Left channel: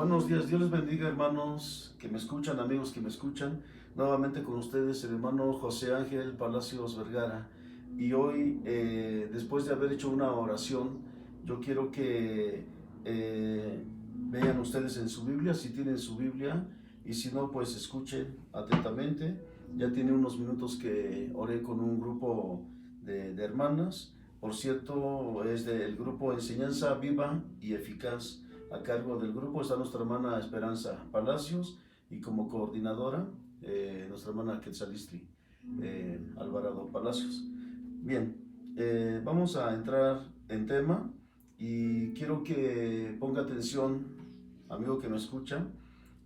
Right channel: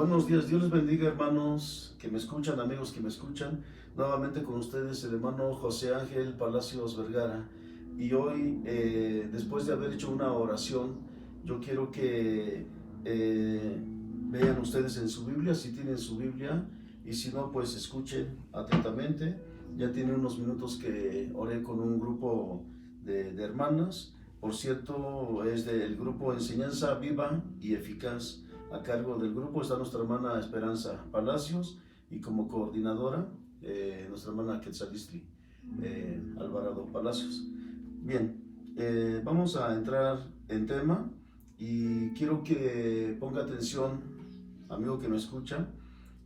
Buenos días, Dios les bendiga, hermanos que me escuchan, amigos que me escuchan. Nuevamente con ustedes el hermano José Ángel Palacios Vergara. Y hoy, después de haber hecho una oración, yo quiero que vean ustedes en su Biblia, si tienen su Biblia, y si no, pues escuchen atentamente. Ya tiene unos minutos que oré con un grupo de hermanas. Por cierto, es del grupo Enseñanza Viva y Eficaz. A cargo del grupo está nuestra hermana Esperanza Palacios y como coordinadora nuestra hermana Quetzalistri Alvarado Palacios. Bien, vamos a entrar en tema y quiero que ponga atención, amigo que me escucha.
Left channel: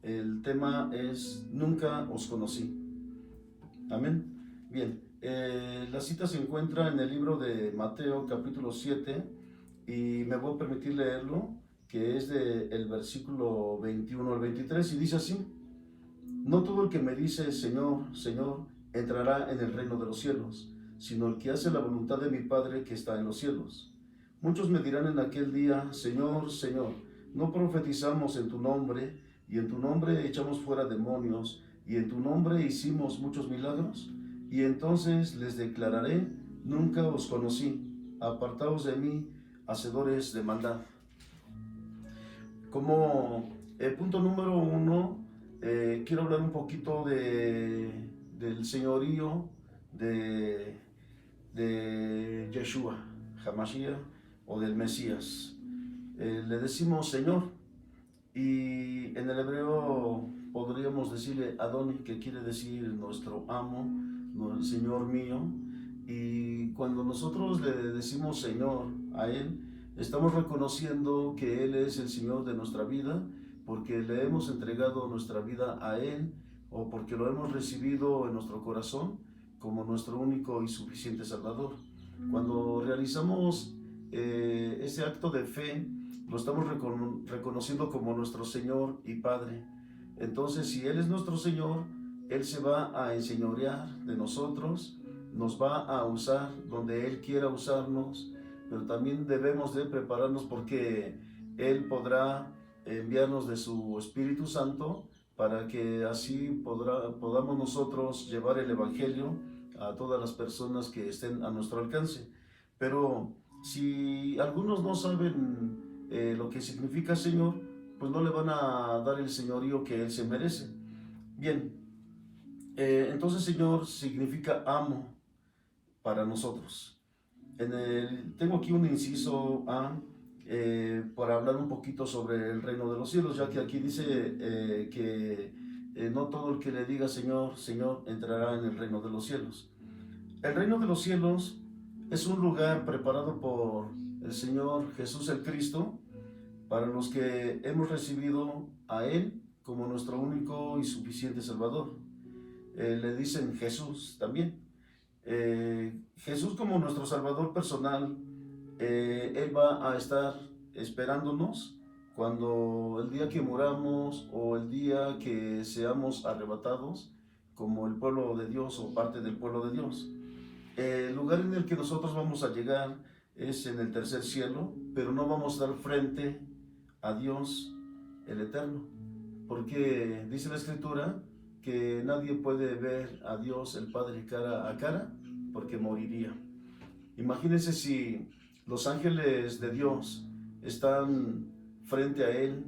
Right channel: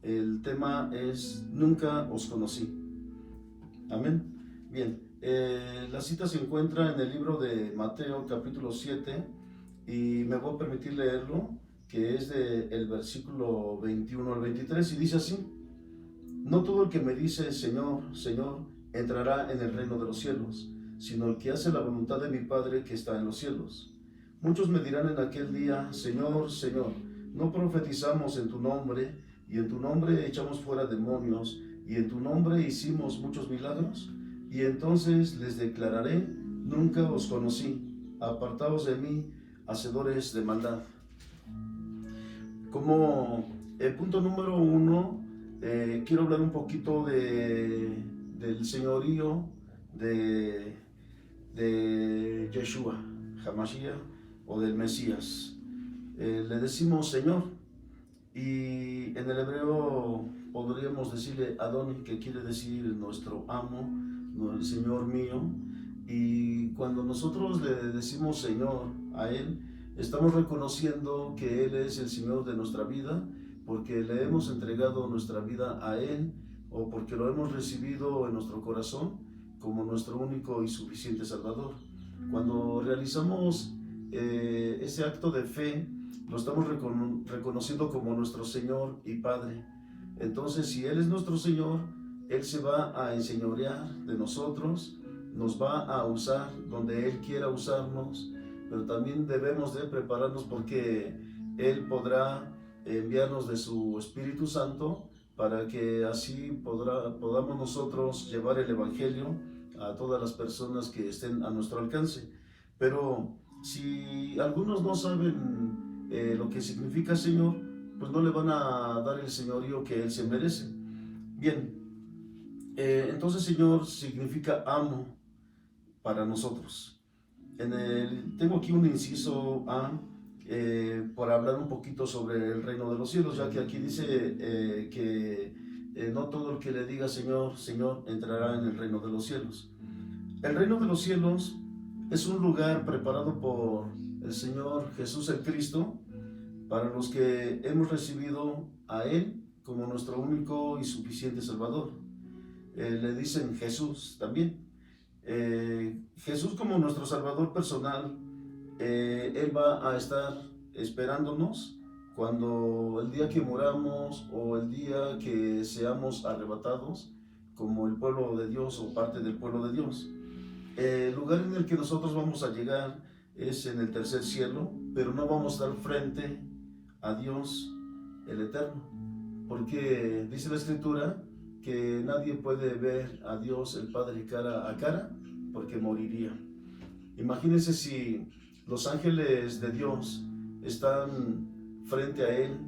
El tema es Nunca os conocí. Amén. Bien, la cita se encuentra en el libro de Mateo capítulo 7 y me voy a permitir leerlo, que es del versículo 21 al 23, y dice así: No todo el que me dice Señor, Señor, entrará en el reino de los cielos, sino el que hace la voluntad de mi Padre que está en los cielos. Muchos me dirán en aquel día, Señor, Señor, ¿no profetizamos en tu nombre, y en tu nombre echamos fuera demonios, y en tu nombre hicimos muchos milagros? Y entonces les declararé, nunca os conocí, apartaos de mí, hacedores de maldad. Como el punto número uno, quiero hablar un poquito del señorío de Yeshua, Hamashiach, o del Mesías. Le decimos Señor, y en el hebreo podríamos decirle Adoni, que quiere decir nuestro amo, el Señor mío. Y cuando nosotros le decimos Señor a Él, estamos reconociendo que Él es el Señor de nuestra vida, porque le hemos entregado nuestra vida a Él, o porque lo hemos recibido en nuestro corazón como nuestro único y suficiente Salvador. Cuando realizamos ese acto de fe, lo estamos reconociendo como nuestro Señor y Padre. Entonces, si Él es nuestro Señor, Él se va a enseñorear de nosotros, nos va a usar donde Él quiera usarnos, pero también debemos de prepararnos, porque Él podrá enviarnos de su Espíritu Santo para que así podamos nosotros llevar el Evangelio a todas las personas que estén a nuestro alcance. Pero si algunos no saben lo que significa Señor, pues no le van a dar el señorío que Él se merece. Bien, entonces Señor significa amo para nosotros. Tengo aquí un inciso A para hablar un poquito sobre el reino de los cielos, ya que aquí dice que no todo el que le diga Señor, Señor, entrará en el reino de los cielos. El reino de los cielos es un lugar preparado por el Señor Jesús el Cristo para los que hemos recibido a Él como nuestro único y suficiente Salvador. Le dicen Jesús también. Jesús como nuestro Salvador personal, Él va a estar esperándonos cuando el día que moramos o el día que seamos arrebatados como el pueblo de Dios o parte del pueblo de Dios. El lugar en el que nosotros vamos a llegar es en el tercer cielo, pero no vamos a estar frente a Dios el Eterno, porque dice la Escritura que nadie puede ver a Dios el Padre cara a cara, porque moriría. Imagínense si los ángeles de Dios están frente a Él,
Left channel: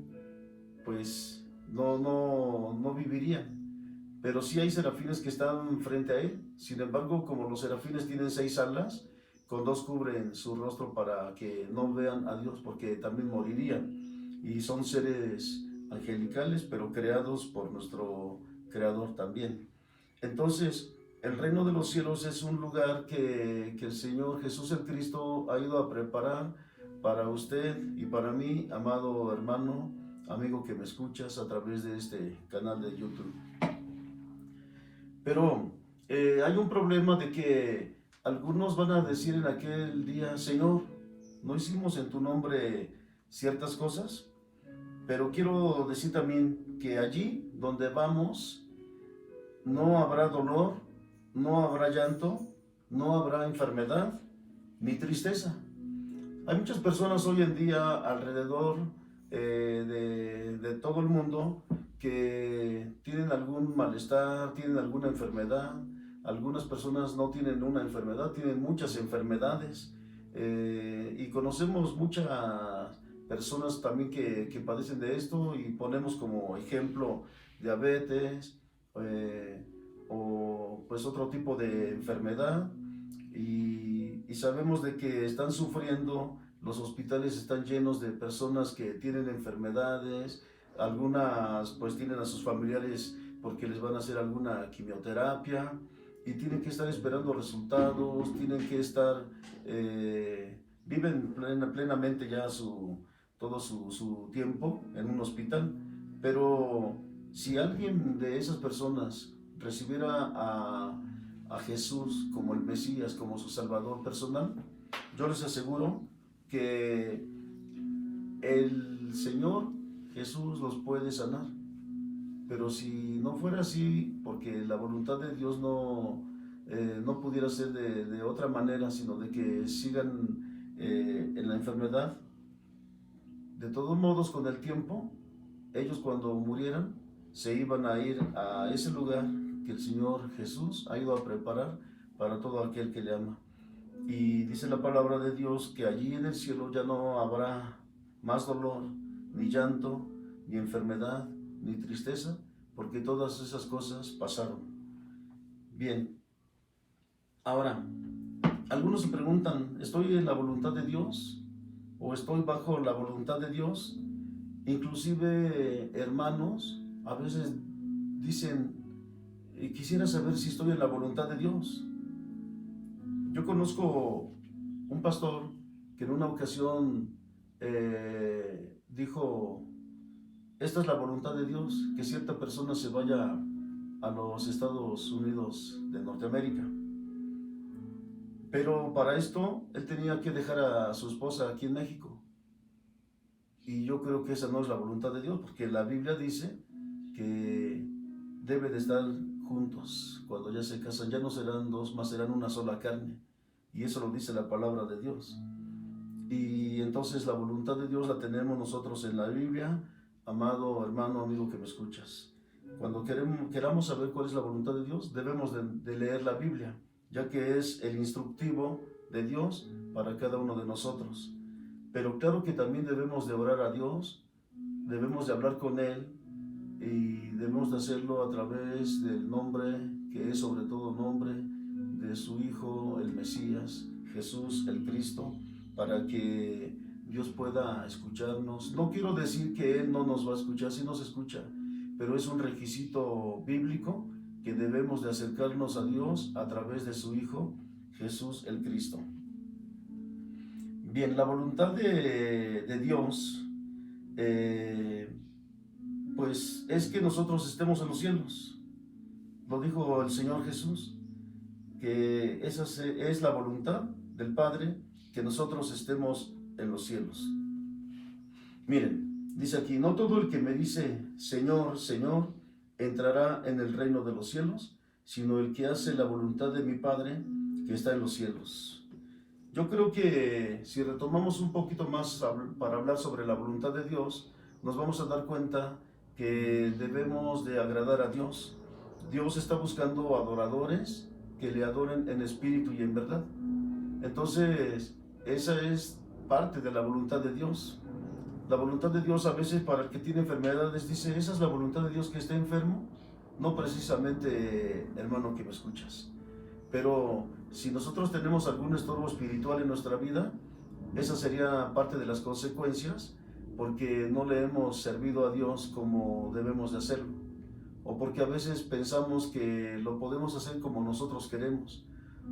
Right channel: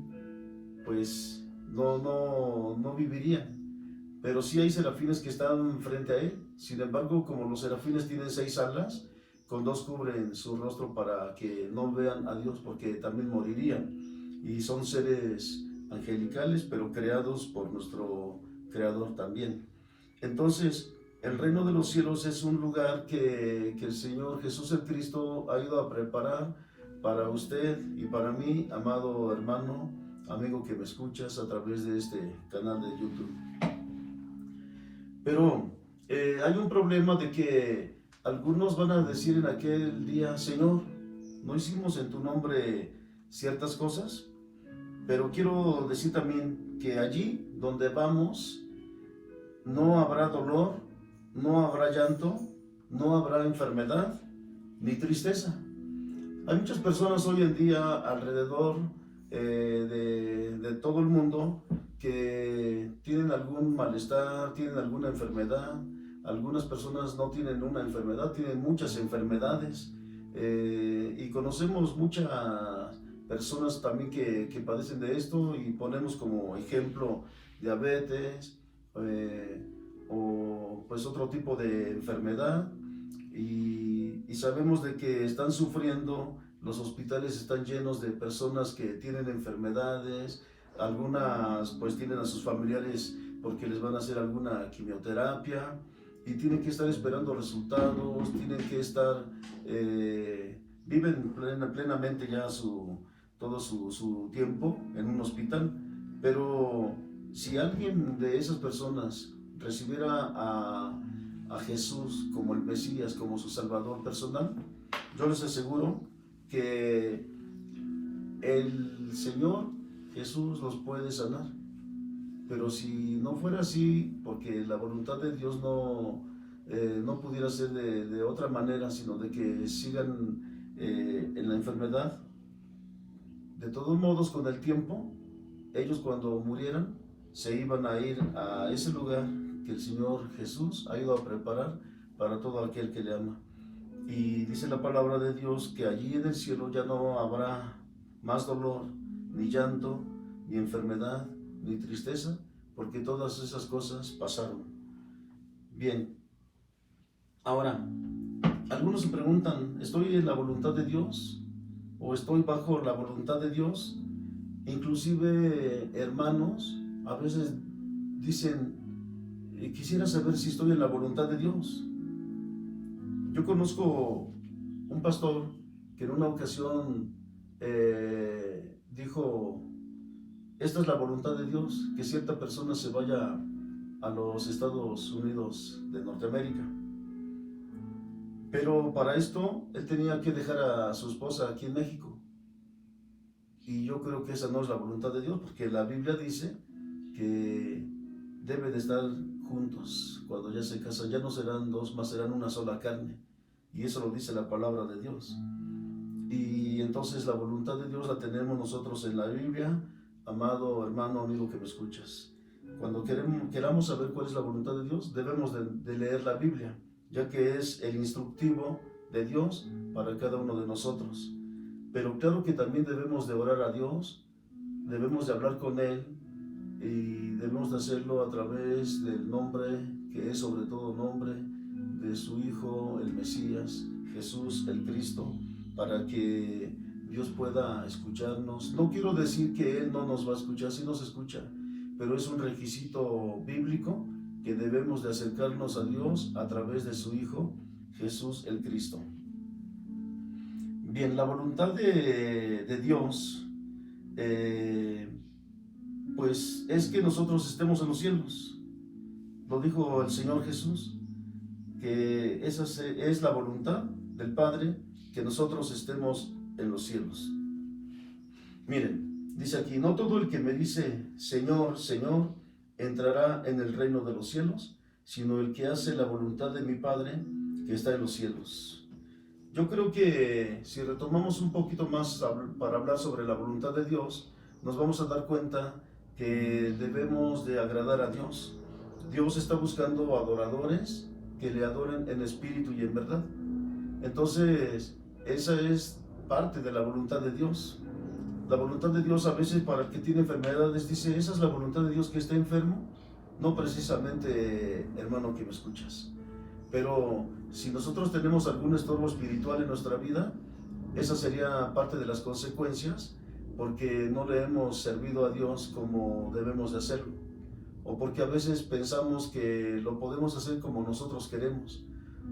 pues no vivirían. Pero sí hay serafines que están frente a Él. Sin embargo, como los serafines tienen 6 alas, con 2 cubren su rostro para que no vean a Dios, porque también morirían. Y son seres angelicales, pero creados por nuestro Creador también. Entonces, el reino de los cielos es un lugar que el Señor Jesús el Cristo ha ido a preparar para usted y para mí, amado hermano, amigo que me escuchas a través de este canal de YouTube. Pero hay un problema de que algunos van a decir en aquel día, Señor, ¿no hicimos en tu nombre ciertas cosas? Pero quiero decir también que allí donde vamos no habrá dolor, no habrá llanto, no habrá enfermedad ni tristeza. Hay muchas personas hoy en día alrededor de todo el mundo que tienen algún malestar, tienen alguna enfermedad. Algunas personas no tienen una enfermedad, tienen muchas enfermedades. Y conocemos muchas personas también que padecen de esto y ponemos como ejemplo diabetes o pues otro tipo de enfermedad y sabemos de que están sufriendo, los hospitales están llenos de personas que tienen enfermedades, algunas pues tienen a sus familiares porque les van a hacer alguna quimioterapia y tienen que estar esperando resultados, tienen que estar, viven plenamente ya todo su tiempo en un hospital, pero si alguien de esas personas recibiera a Jesús como el Mesías, como su Salvador personal, yo les aseguro que el Señor Jesús los puede sanar. Pero si no fuera así, porque la voluntad de Dios no pudiera ser de otra manera, sino de que sigan en la enfermedad, de todos modos con el tiempo, ellos cuando murieran se iban a ir a ese lugar que el Señor Jesús ha ido a preparar para todo aquel que le ama. Y dice la palabra de Dios que allí en el cielo ya no habrá más dolor, ni llanto, ni enfermedad, ni tristeza, porque todas esas cosas pasaron. Bien, ahora, algunos se preguntan, ¿estoy en la voluntad de Dios? ¿O estoy bajo la voluntad de Dios? Inclusive hermanos a veces dicen, quisiera saber si estoy en la voluntad de Dios. Yo conozco un pastor que en una ocasión dijo, esta es la voluntad de Dios, que cierta persona se vaya a los Estados Unidos de Norteamérica. Pero para esto él tenía que dejar a su esposa aquí en México. Y yo creo que esa no es la voluntad de Dios, porque la Biblia dice que debe de estar juntos. Cuando ya se casan, ya no serán dos, más serán una sola carne. Y eso lo dice la palabra de Dios. Y entonces la voluntad de Dios la tenemos nosotros en la Biblia, amado hermano, amigo que me escuchas. Cuando queramos saber cuál es la voluntad de Dios, debemos de leer la Biblia, ya que es el instructivo de Dios para cada uno de nosotros. Pero claro que también debemos de orar a Dios, debemos de hablar con Él y debemos de hacerlo a través del nombre que es sobre todo nombre de su Hijo, el Mesías, Jesús, el Cristo, para que Dios pueda escucharnos. No quiero decir que Él no nos va a escuchar, sí nos escucha, pero es un requisito bíblico que debemos de acercarnos a Dios a través de su Hijo, Jesús, el Cristo. Bien, la voluntad de Dios, pues es que nosotros estemos en los cielos. Lo dijo el Señor Jesús, que esa es la voluntad del Padre, que nosotros estemos en los cielos. Miren, dice aquí, no todo el que me dice Señor, Señor, entrará en el reino de los cielos, sino el que hace la voluntad de mi Padre que está en los cielos. Yo creo que si retomamos un poquito más para hablar sobre la voluntad de Dios, nos vamos a dar cuenta que debemos de agradar a Dios. Dios está buscando adoradores que le adoren en espíritu y en verdad. Entonces, esa es parte de la voluntad de Dios. La voluntad de Dios a veces para el que tiene enfermedades dice, ¿esa es la voluntad de Dios que esté enfermo? No precisamente, hermano que me escuchas. Pero si nosotros tenemos algún estorbo espiritual en nuestra vida, esa sería parte de las consecuencias, porque no le hemos servido a Dios como debemos de hacerlo, o porque a veces pensamos que lo podemos hacer como nosotros queremos.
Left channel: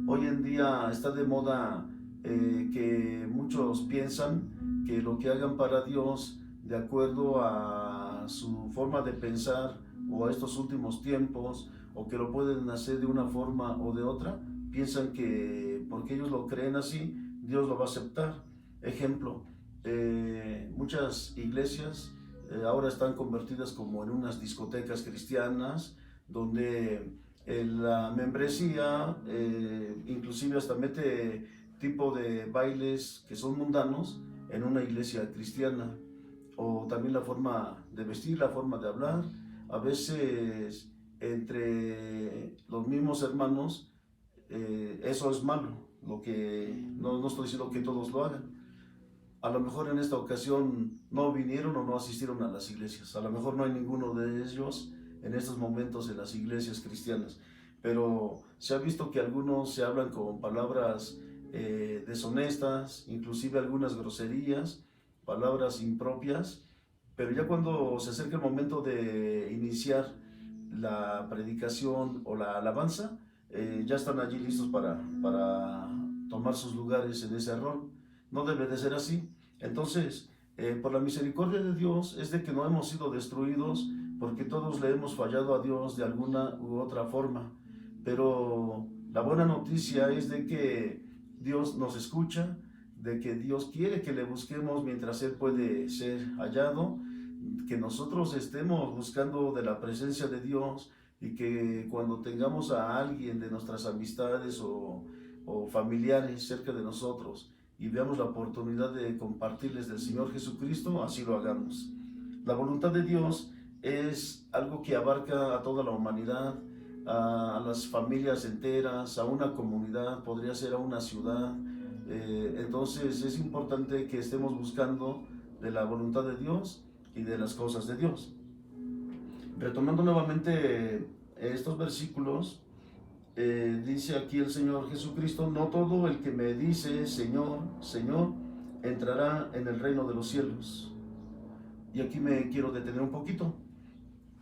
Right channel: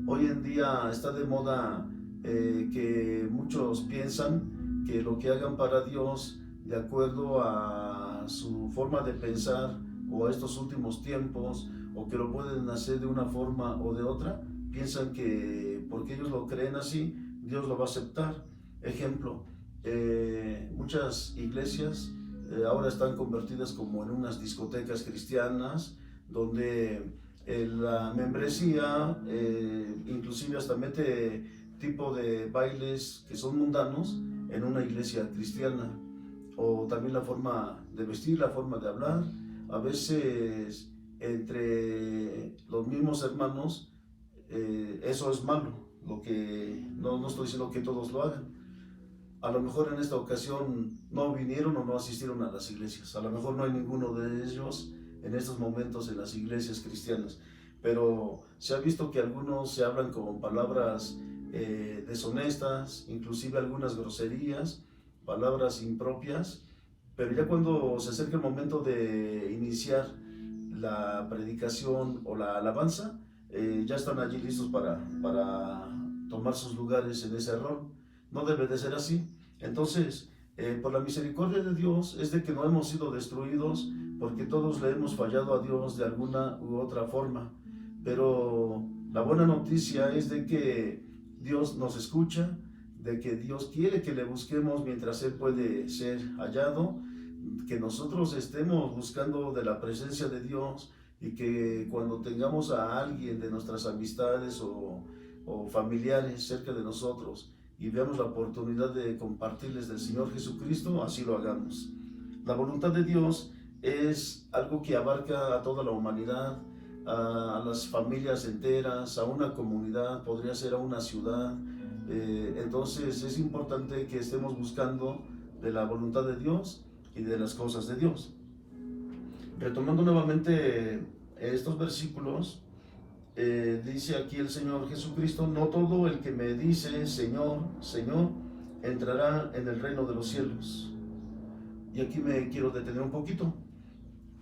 Hoy en día está de moda que muchos piensan que lo que hagan para Dios, de acuerdo a su forma de pensar o a estos últimos tiempos, o que lo pueden hacer de una forma o de otra, piensan que porque ellos lo creen así, Dios lo va a aceptar. Ejemplo, muchas iglesias ahora están convertidas como en unas discotecas cristianas, donde la membresía inclusive hasta mete tipo de bailes que son mundanos en una iglesia cristiana. o también la forma de vestir, la forma de hablar. A veces entre los mismos hermanos, eso es malo, lo que no estoy diciendo que todos lo hagan. A lo mejor en esta ocasión no vinieron o no asistieron a las iglesias, a lo mejor no hay ninguno de ellos en estos momentos en las iglesias cristianas, pero se ha visto que algunos se hablan con palabras deshonestas, inclusive algunas groserías, palabras impropias, pero ya cuando se acerca el momento de iniciar la predicación o la alabanza, ya están allí listos para tomar sus lugares en ese rol. No debe de ser así. Entonces, por la misericordia de Dios es de que no hemos sido destruidos, porque todos le hemos fallado a Dios de alguna u otra forma. Pero la buena noticia es de que Dios nos escucha, de que Dios quiere que le busquemos mientras Él puede ser hallado, que nosotros estemos buscando de la presencia de Dios, y que cuando tengamos a alguien de nuestras amistades o familiares cerca de nosotros y veamos la oportunidad de compartirles del Señor Jesucristo, así lo hagamos. La voluntad de Dios es algo que abarca a toda la humanidad, a las familias enteras, a una comunidad, podría ser a una ciudad. Entonces es importante que estemos buscando de la voluntad de Dios y de las cosas de Dios. Retomando nuevamente estos versículos, dice aquí el Señor Jesucristo: no todo el que me dice Señor, Señor, entrará en el reino de los cielos. Y aquí me quiero detener un poquito.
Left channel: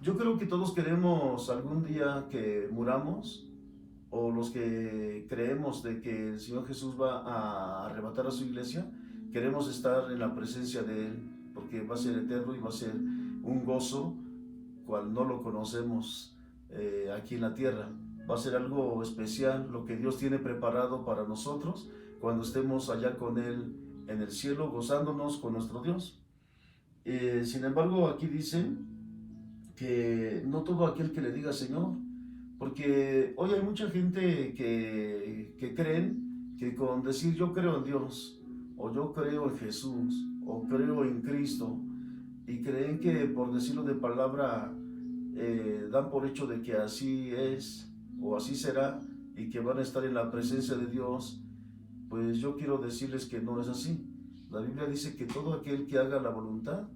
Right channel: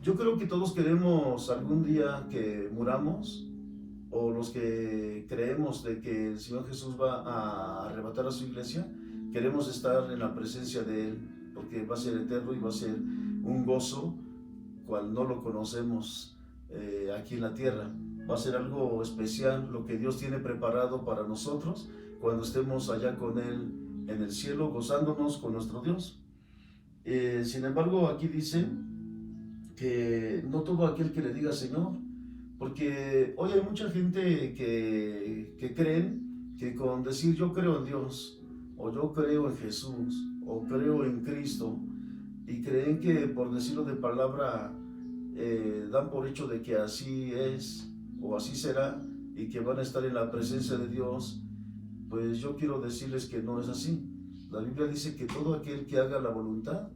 Yo creo que todos queremos algún día que muramos, o los que creemos de que el Señor Jesús va a arrebatar a su iglesia, queremos estar en la presencia de Él, porque va a ser eterno y va a ser un gozo cual no lo conocemos aquí en la tierra. Va a ser algo especial lo que Dios tiene preparado para nosotros cuando estemos allá con Él en el cielo, gozándonos con nuestro Dios. Sin embargo, aquí dice que no todo aquel que le diga Señor, porque hoy hay mucha gente que creen que con decir yo creo en Dios, o yo creo en Jesús, o creo en Cristo, y creen que por decirlo de palabra dan por hecho de que así es o así será, y que van a estar en la presencia de Dios. Pues yo quiero decirles que no es así. La Biblia dice que todo aquel que haga la voluntad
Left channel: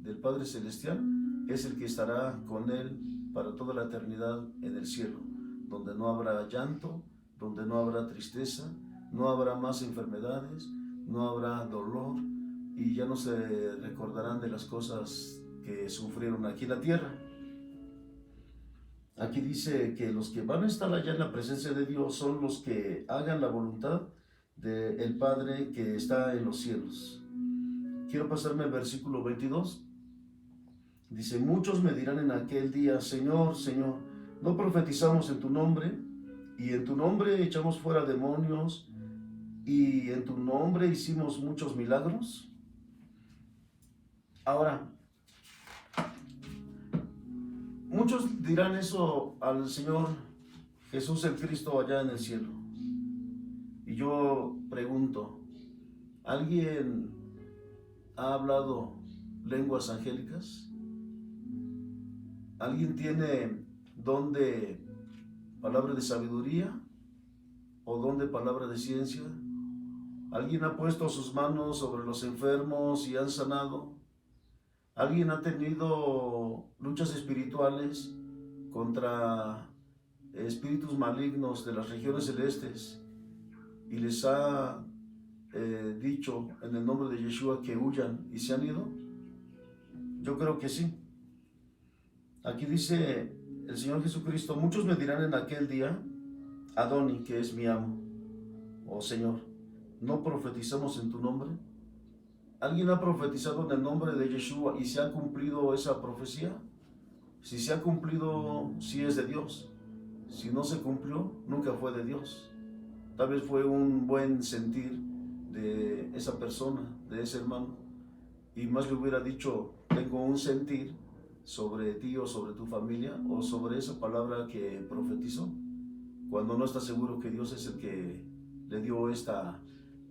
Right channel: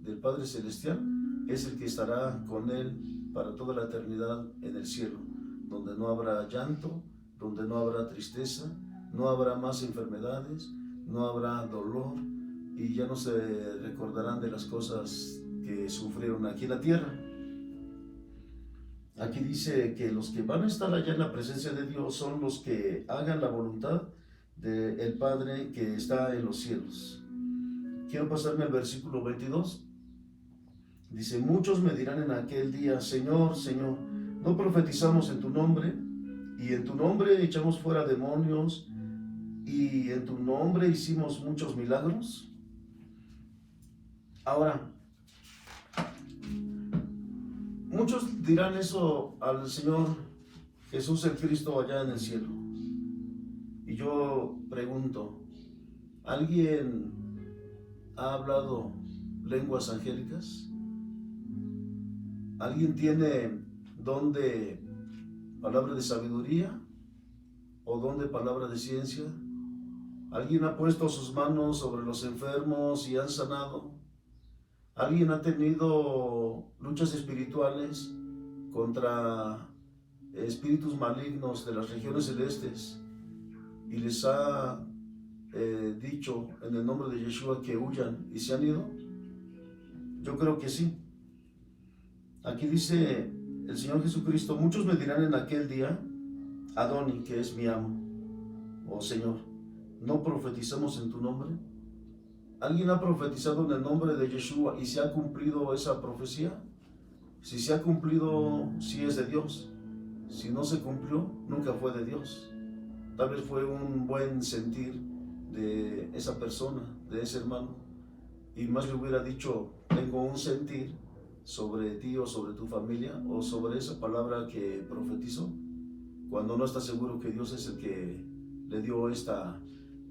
del Padre Celestial es el que estará con Él para toda la eternidad en el cielo, donde no habrá llanto, donde no habrá tristeza, no habrá más enfermedades, no habrá dolor, y ya no se recordarán de las cosas que sufrieron aquí en la tierra. Aquí dice que los que van a estar allá en la presencia de Dios son los que hagan la voluntad del Padre que está en los cielos. Quiero pasarme al versículo 22. Dice: muchos me dirán en aquel día, Señor, Señor, ¿no profetizamos en tu nombre? Y en tu nombre echamos fuera demonios, y en tu nombre hicimos muchos milagros. Ahora, muchos dirán eso al Señor Jesús el Cristo allá en el cielo. Y yo pregunto, ¿alguien ha hablado lenguas angélicas? ¿Alguien tiene don de palabra de sabiduría o don de palabra de ciencia? ¿Alguien ha puesto sus manos sobre los enfermos y han sanado? ¿Alguien ha tenido luchas espirituales contra espíritus malignos de las regiones celestes y les ha dicho en el nombre de Yeshua que huyan y se han ido? Yo creo que sí. Aquí dice el Señor Jesucristo: muchos me dirán en aquel día, Adoni, que es mi amo, o Señor, ¿no profetizamos en tu nombre? ¿Alguien ha profetizado en el nombre de Yeshua y se ha cumplido esa profecía? Si se ha cumplido, sí es de Dios. Si no se cumplió, nunca fue de Dios. Tal vez fue un buen sentir de esa persona, de ese hermano, y más le hubiera dicho: tengo un sentir sobre ti o sobre tu familia o sobre esa palabra que profetizó, cuando no está seguro que Dios es el que le dio esta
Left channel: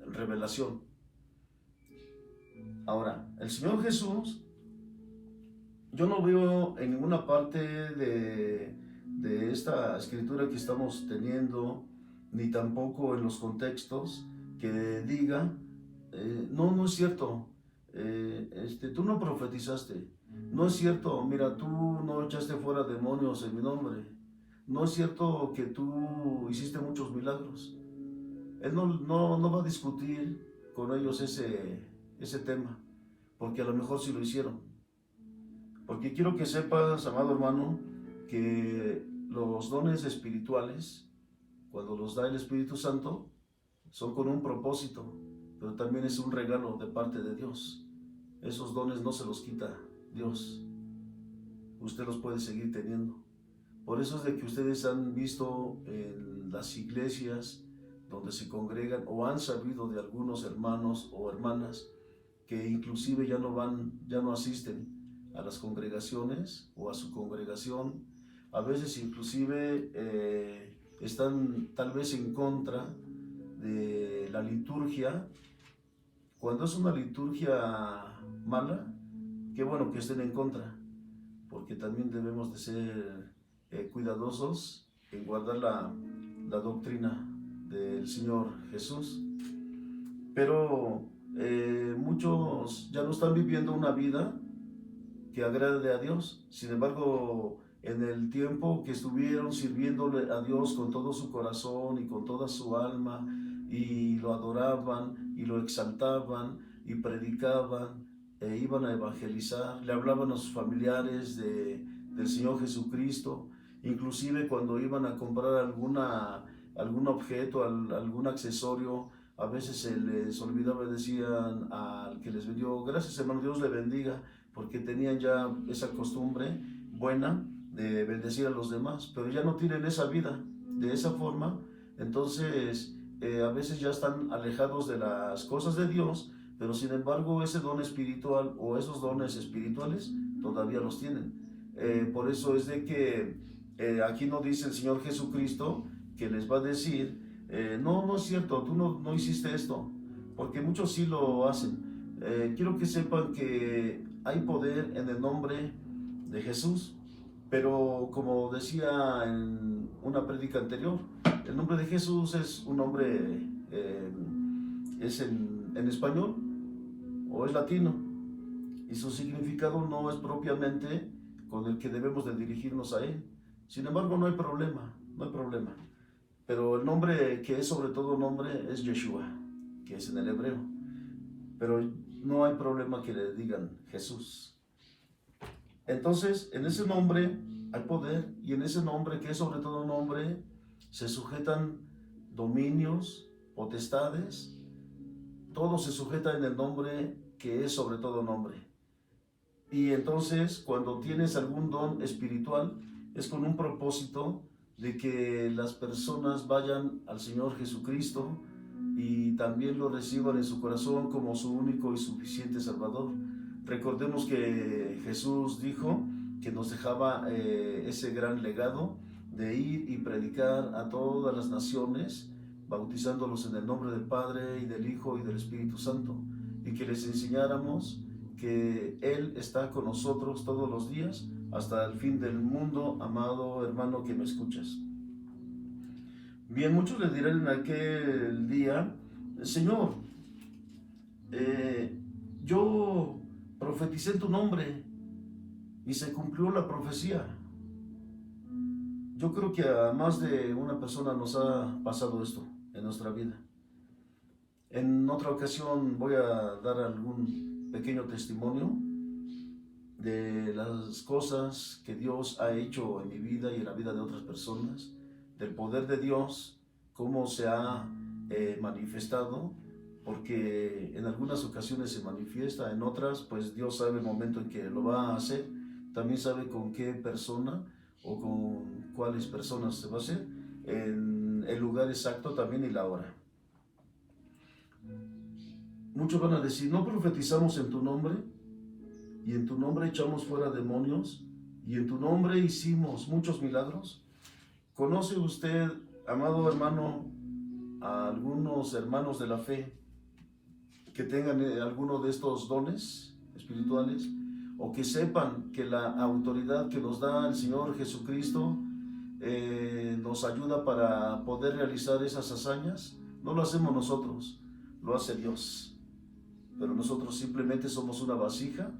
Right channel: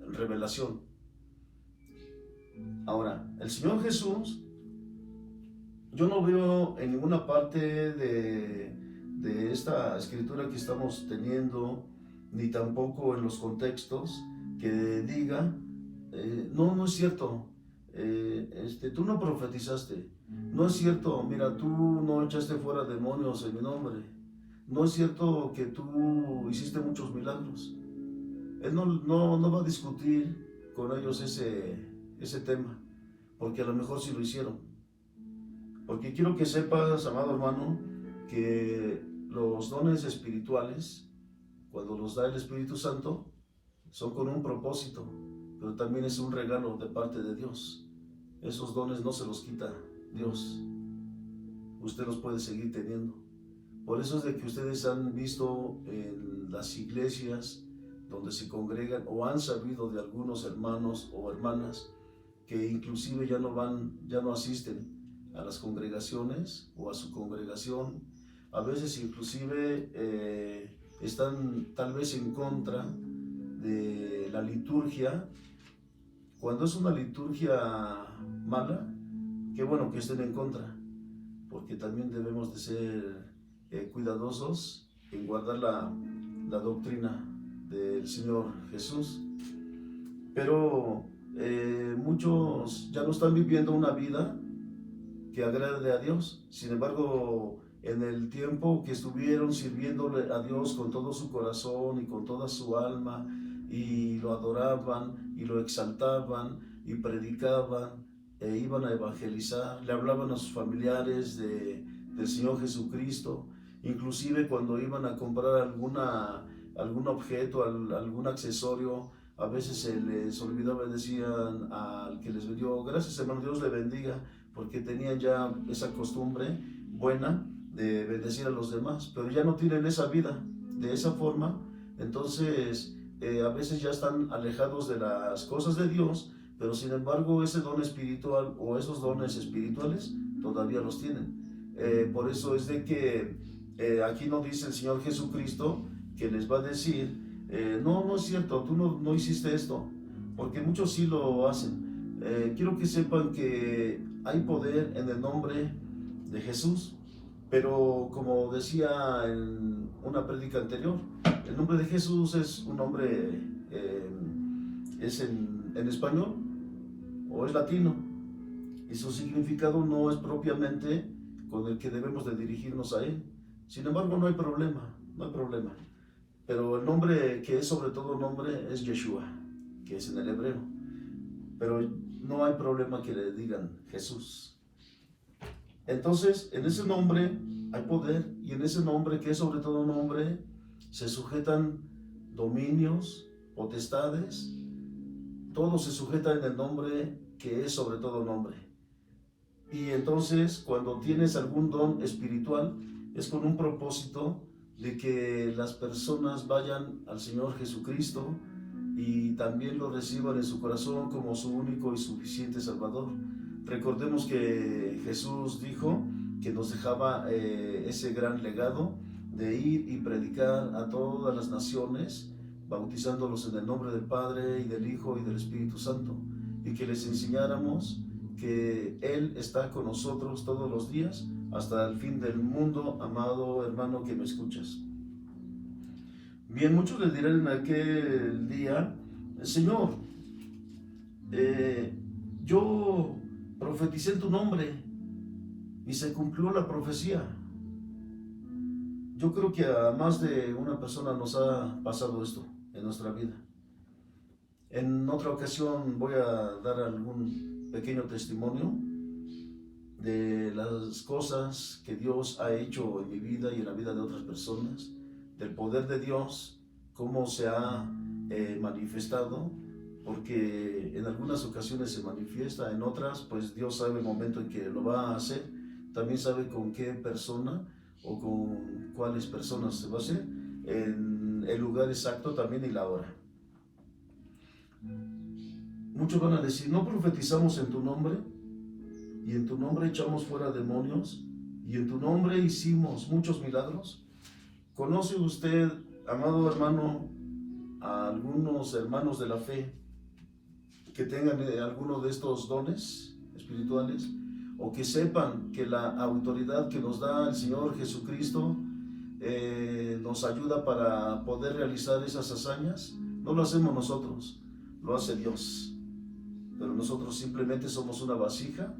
revelación. Ahora, el Señor Jesús yo no veo en ninguna parte de esta escritura que estamos teniendo, ni tampoco en los contextos, que diga, no es cierto, tú no profetizaste, no es cierto, mira, tú no echaste fuera demonios en mi nombre, no es cierto que tú hiciste muchos milagros. Él no va a discutir con ellos ese tema, porque a lo mejor sí lo hicieron. Porque quiero que sepas, amado hermano, que los dones espirituales, cuando los da el Espíritu Santo, son con un propósito, pero también es un regalo de parte de Dios. Esos dones no se los quita Dios. Usted los puede seguir teniendo. Por eso es de que ustedes han visto en las iglesias donde se congregan o han sabido de algunos hermanos o hermanas que inclusive ya no asisten a las congregaciones o a su congregación. A veces inclusive están tal vez en contra de la liturgia. Cuando es una liturgia mala, qué bueno que estén en contra, porque también debemos de ser cuidadosos en guardar la doctrina del Señor Jesús. Pero muchos ya no están viviendo una vida que agrade a Dios. Sin embargo, en el tiempo que estuvieron sirviéndole a Dios con todo su corazón y con toda su alma, y lo adoraban y lo exaltaban y predicaban, iban a evangelizar, le hablaban a sus familiares del Señor Jesucristo, inclusive cuando iban a comprar algún objeto, algún accesorio, a veces se les olvidaba, decían al que les vendió, gracias hermano, Dios le bendiga, porque tenían ya esa costumbre buena de bendecir a los demás, pero ya no tienen esa vida de esa forma. Entonces a veces ya están alejados de las cosas de Dios, pero sin embargo ese don espiritual o esos dones espirituales todavía los tienen. Por eso es de que aquí no dice el Señor Jesucristo que les va a decir, no es cierto, tú no hiciste esto, porque muchos sí lo hacen. Quiero que sepan que hay poder en el nombre de Jesús, pero como decía en una prédica anterior, el nombre de Jesús es un nombre, es en español o es latino, y su significado no es propiamente con el que debemos de dirigirnos a Él. Sin embargo, no hay problema. Pero el nombre que es sobre todo nombre es Yeshua, que es en el hebreo. Pero no hay problema que le digan Jesús. Entonces, en ese nombre hay poder, y en ese nombre que es sobre todo nombre se sujetan dominios, potestades, todo se sujeta en el nombre que es sobre todo nombre. Y entonces, cuando tienes algún don espiritual, es con un propósito de que las personas vayan al Señor Jesucristo y también lo reciban en su corazón como su único y suficiente Salvador. Recordemos que Jesús dijo que nos dejaba ese gran legado de ir y predicar a todas las naciones, bautizándolos en el nombre del Padre y del Hijo y del Espíritu Santo, y que les enseñáramos que Él está con nosotros todos los días hasta el fin del mundo, amado hermano que me escuchas. Bien, muchos le dirán en aquel día, Señor, yo profeticé en tu nombre y se cumplió la profecía. Yo creo que a más de una persona nos ha pasado esto en nuestra vida. En otra ocasión voy a dar algún pequeño testimonio de las cosas que Dios ha hecho en mi vida y en la vida de otras personas, del poder de Dios, cómo se ha manifestado, porque en algunas ocasiones se manifiesta, en otras pues Dios sabe el momento en que lo va a hacer, también sabe con qué persona o con cuáles personas se va a hacer, en el lugar exacto también y la hora. Muchos van a decir, ¿no profetizamos en tu nombre? Y en tu nombre echamos fuera demonios, y en tu nombre hicimos muchos milagros. ¿Conoce usted, amado hermano, a algunos hermanos de la fe que tengan alguno de estos dones espirituales? o que sepan que la autoridad que nos da el Señor Jesucristo nos ayuda para poder realizar esas hazañas. No lo hacemos nosotros, lo hace Dios, pero nosotros simplemente somos una vasija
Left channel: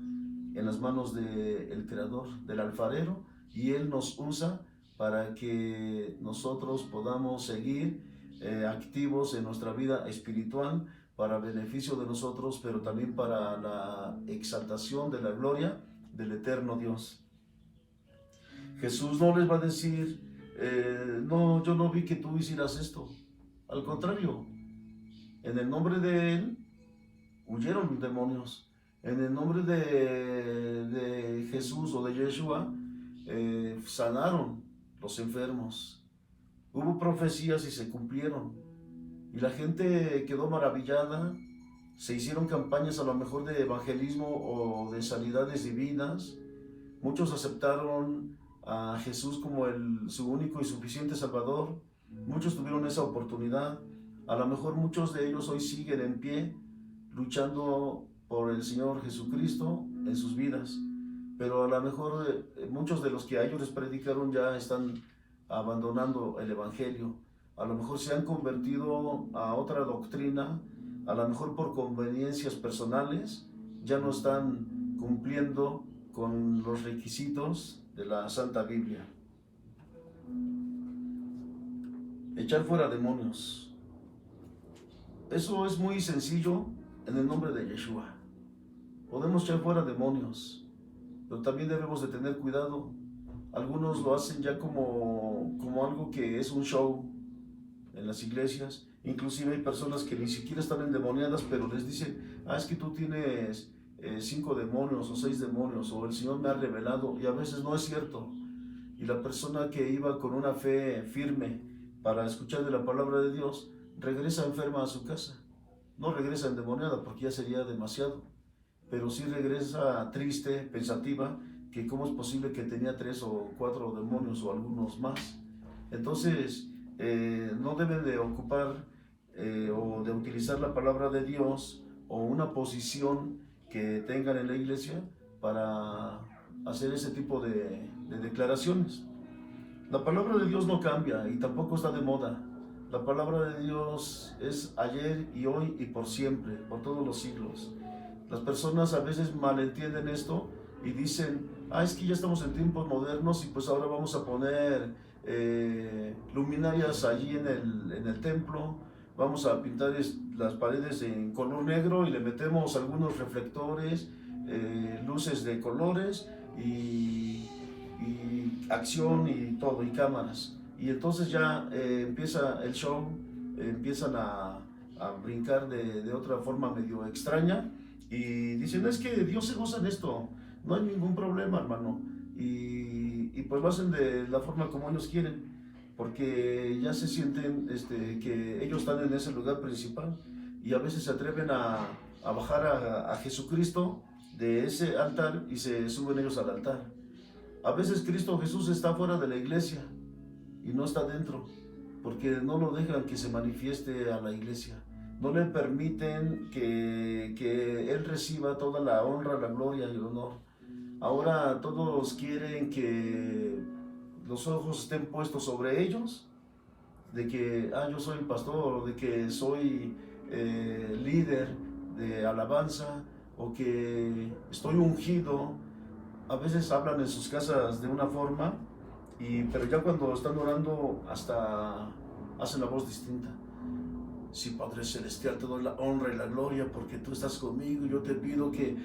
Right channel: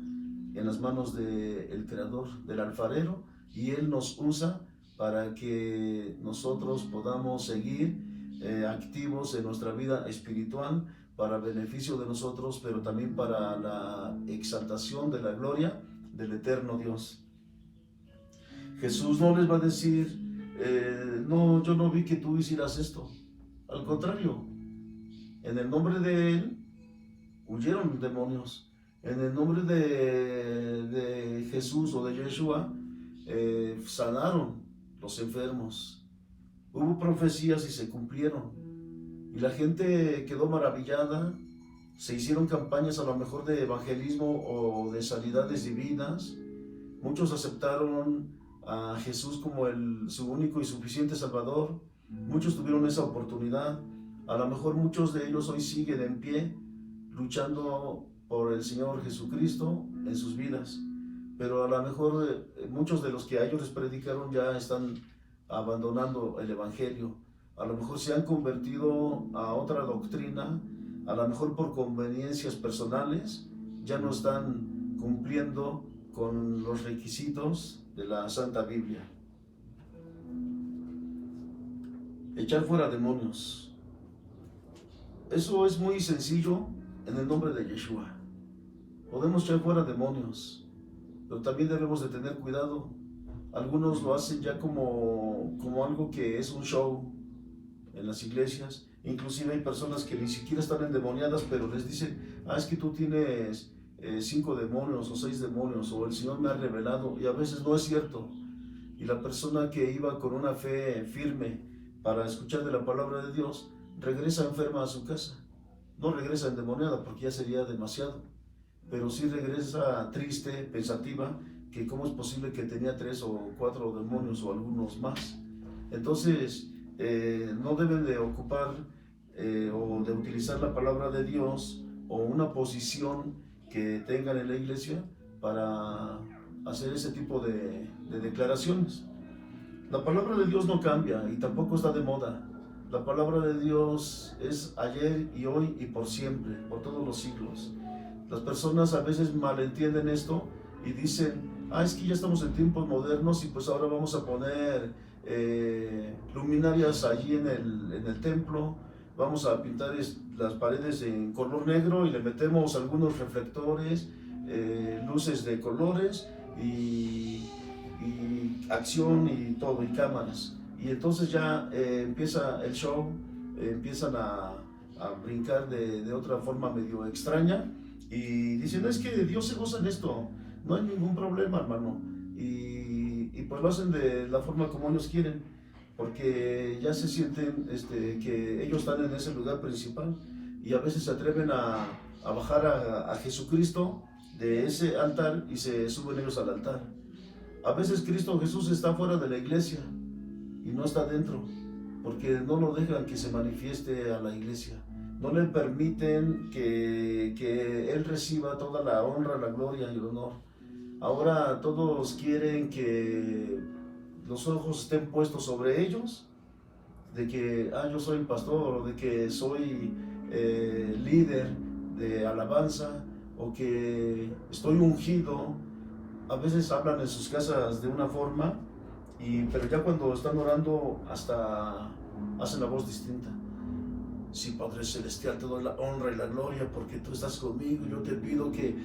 en las manos del Creador, del alfarero, y Él nos usa para que nosotros podamos seguir activos en nuestra vida espiritual, para beneficio de nosotros, pero también para la exaltación de la gloria del eterno Dios. Jesús no les va a decir, no, yo no vi que tú hicieras esto. Al contrario, en el nombre de Él huyeron demonios. En el nombre de Jesús o de Yeshua sanaron los enfermos. Hubo profecías y se cumplieron. Y la gente quedó maravillada. Se hicieron campañas a lo mejor de evangelismo o de sanidades divinas. Muchos aceptaron a Jesús como su único y suficiente Salvador. Muchos tuvieron esa oportunidad. A lo mejor muchos de ellos hoy siguen en pie, luchando por el Señor Jesucristo en sus vidas. Pero a lo mejor muchos de los que a ellos les predicaron ya están abandonando el Evangelio. A lo mejor se han convertido a otra doctrina, a lo mejor por conveniencias personales, ya no están cumpliendo con los requisitos de la Santa Biblia. Echar fuera demonios. Eso es muy sencillo en el nombre de Yeshua. Podemos echar fuera demonios, pero también debemos de tener cuidado. Algunos lo hacen ya como algo que es un show en las iglesias. Inclusive hay personas que ni siquiera están endemoniadas, pero les dicen, es que tú tienes 5 demonios o 6 demonios, o el Señor me ha revelado, y a veces no es cierto. Y la persona que iba con una fe firme para escuchar de la palabra de Dios, regresa enferma a su casa. No regresa endemoniada porque ya sería demasiado, pero sí regresa triste, pensativa, que cómo es posible que tenía 3 o 4 demonios o algunos más. Entonces no deben de ocupar o de utilizar la palabra de Dios o una posición que tengan en la iglesia para hacer ese tipo de declaraciones. La palabra de Dios no cambia y tampoco está de moda. La palabra de Dios es ayer y hoy y por siempre, por todos los siglos. Las personas a veces malentienden esto y dicen, es que ya estamos en tiempos modernos y pues ahora vamos a poner luminarias allí en el templo, vamos a pintar las paredes en color negro y le metemos algunos reflectores, luces de colores y acción y todo, y cámaras. Y entonces ya empieza el show, empiezan a brincar de otra forma medio extraña y dicen, es que Dios se goza en esto, no hay ningún problema, hermano. Y pues lo hacen de la forma como ellos quieren, porque ya se sienten que ellos están en ese lugar principal y a veces se atreven a bajar a Jesucristo de ese altar y se suben ellos al altar. A veces Cristo Jesús está fuera de la iglesia y no está dentro, porque no lo dejan que se manifieste a la iglesia. No le permiten que Él reciba toda la honra, la gloria y el honor. Ahora todos quieren que los ojos estén puestos sobre ellos, de que yo soy pastor, o de que soy líder de alabanza, o que estoy ungido. A veces hablan en sus casas de una forma, pero ya cuando están orando hasta hacen la voz distinta. Sí, Padre Celestial, te doy la honra y la gloria porque tú estás conmigo. Yo te pido que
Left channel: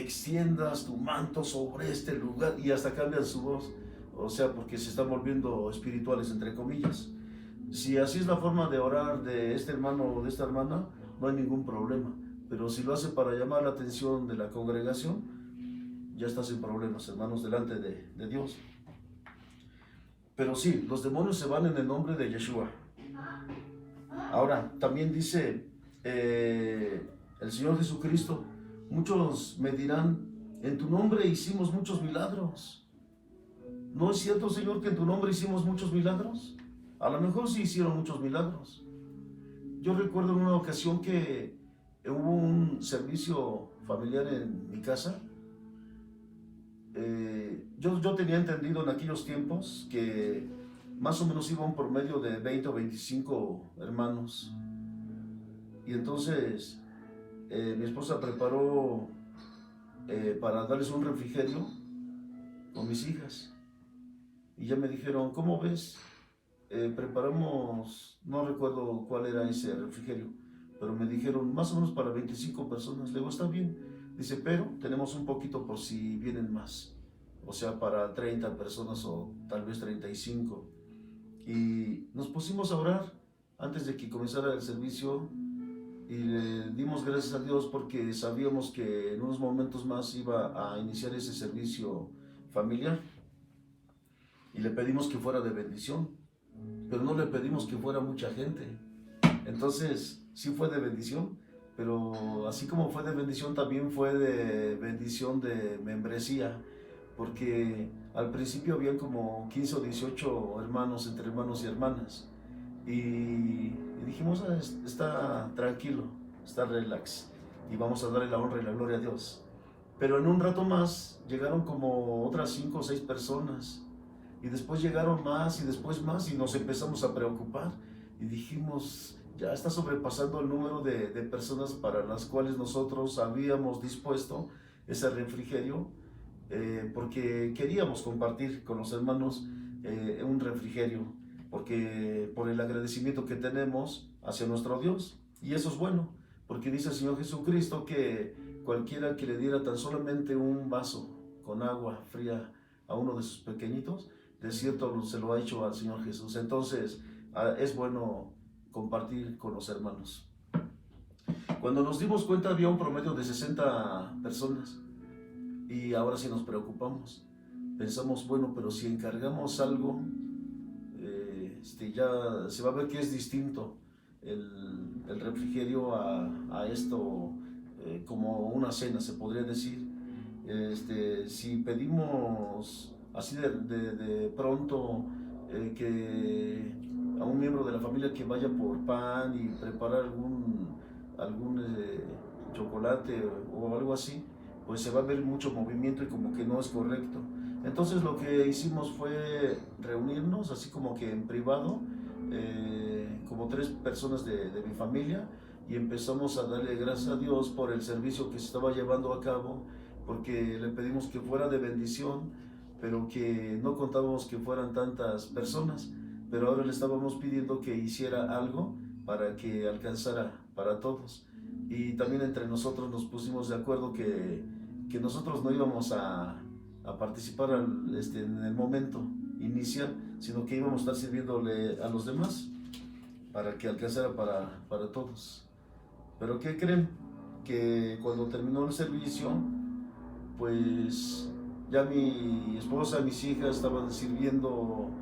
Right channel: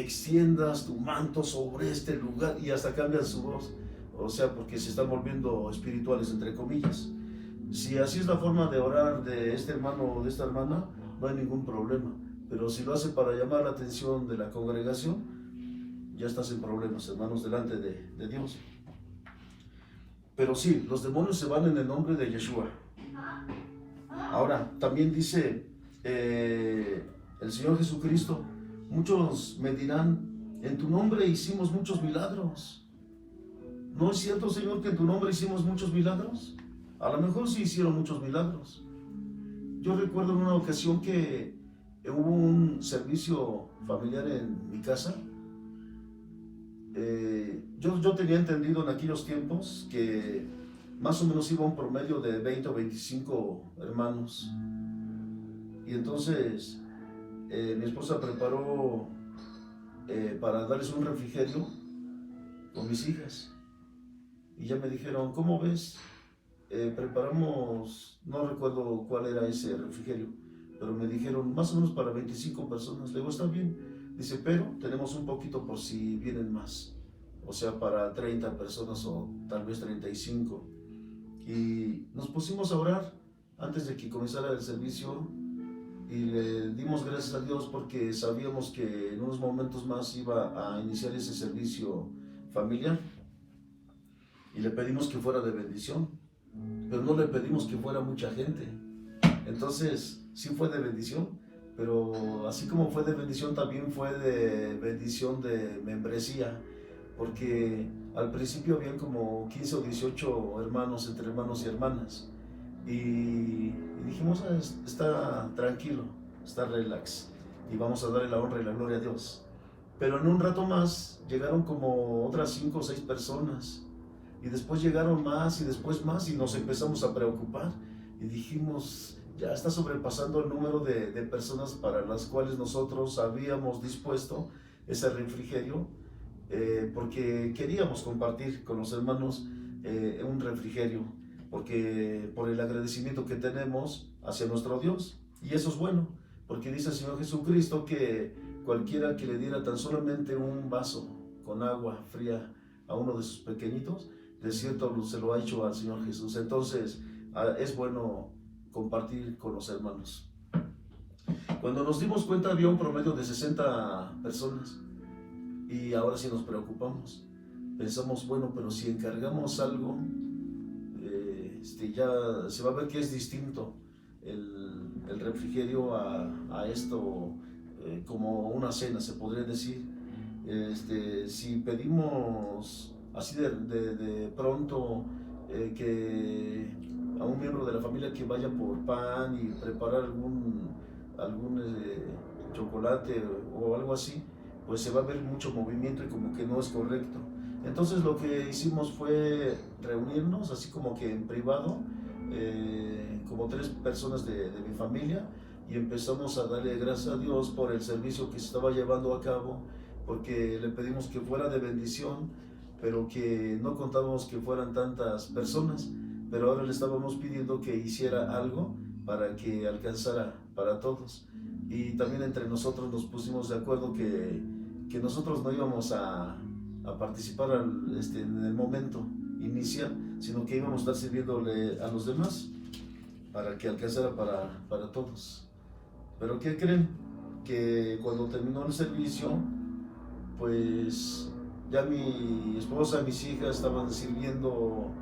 extiendas tu manto sobre este lugar, y hasta cambian su voz. O sea, porque se están volviendo espirituales, entre comillas. Si así es la forma de orar de este hermano o de esta hermana, no hay ningún problema. Pero si lo hace para llamar la atención de la congregación, ya estás en problemas, hermanos, delante de Dios. Pero sí, los demonios se van en el nombre de Yeshua. Ahora, también dice el Señor Jesucristo, muchos me dirán, en tu nombre hicimos muchos milagros. ¿No es cierto, Señor, que en tu nombre hicimos muchos milagros? A lo mejor sí hicieron muchos milagros. Yo recuerdo en una ocasión que hubo un servicio familiar en mi casa yo tenía entendido en aquellos tiempos que más o menos iba un promedio de 20 o 25 hermanos. Y entonces mi esposa preparó para darles un refrigerio con mis hijas. Y ya me dijeron, ¿cómo ves? Preparamos, no recuerdo cuál era ese refrigerio, pero me dijeron más o menos para 25 personas. Le digo, está bien. Dice, pero tenemos un poquito por si vienen más. O sea, para 30 personas o tal vez 35. Y nos pusimos a orar antes de que comenzara el servicio y le dimos gracias a Dios porque sabíamos que en unos momentos más iba a iniciar ese servicio familiar. Y le pedimos que fuera de bendición, pero no le pedimos que fuera mucha gente. Entonces, sí fue de bendición, pero así como fue de bendición, también fue de bendición de membresía, porque al principio habían como 15 o 18 hermanos, entre hermanos y hermanas, y dijimos, está tranquilo, está relax, y vamos a darle la honra y la gloria a Dios. Pero en un rato más llegaron como otras 5 o 6 personas, y después llegaron más y después más, y nos empezamos a preocupar y dijimos, ya está sobrepasando el número de personas para las cuales nosotros habíamos dispuesto ese refrigerio, porque queríamos compartir con los hermanos un refrigerio, porque por el agradecimiento que tenemos hacia nuestro Dios. Y eso es bueno, porque dice el Señor Jesucristo que cualquiera que le diera tan solamente un vaso con agua fría a uno de sus pequeñitos, de cierto se lo ha hecho al Señor Jesús. Entonces es bueno compartir con los hermanos. Cuando nos dimos cuenta había un promedio de 60 personas y ahora sí nos preocupamos. Pensamos, bueno, pero si encargamos algo, ya se va a ver que es distinto el refrigerio a esto, como una cena se podría decir. Si pedimos así de pronto que a un miembro de la familia que vaya por pan y preparar algún chocolate o algo así, pues se va a ver mucho movimiento y como que no es correcto. Entonces lo que hicimos fue reunirnos así como que en privado, como 3 personas de mi familia, y empezamos a darle gracias a Dios por el servicio que se estaba llevando a cabo, porque le pedimos que fuera de bendición, pero que no contábamos que fueran tantas personas, pero ahora le estábamos pidiendo que hiciera algo para que alcanzara para todos. Y también entre nosotros nos pusimos de acuerdo que nosotros no íbamos a participar en el momento inicial, sino que íbamos a estar sirviéndole a los demás para que alcanzara para todos. Pero ¿qué creen? Que cuando terminó el servicio, pues ya mi esposa y mis hijas estaban sirviendo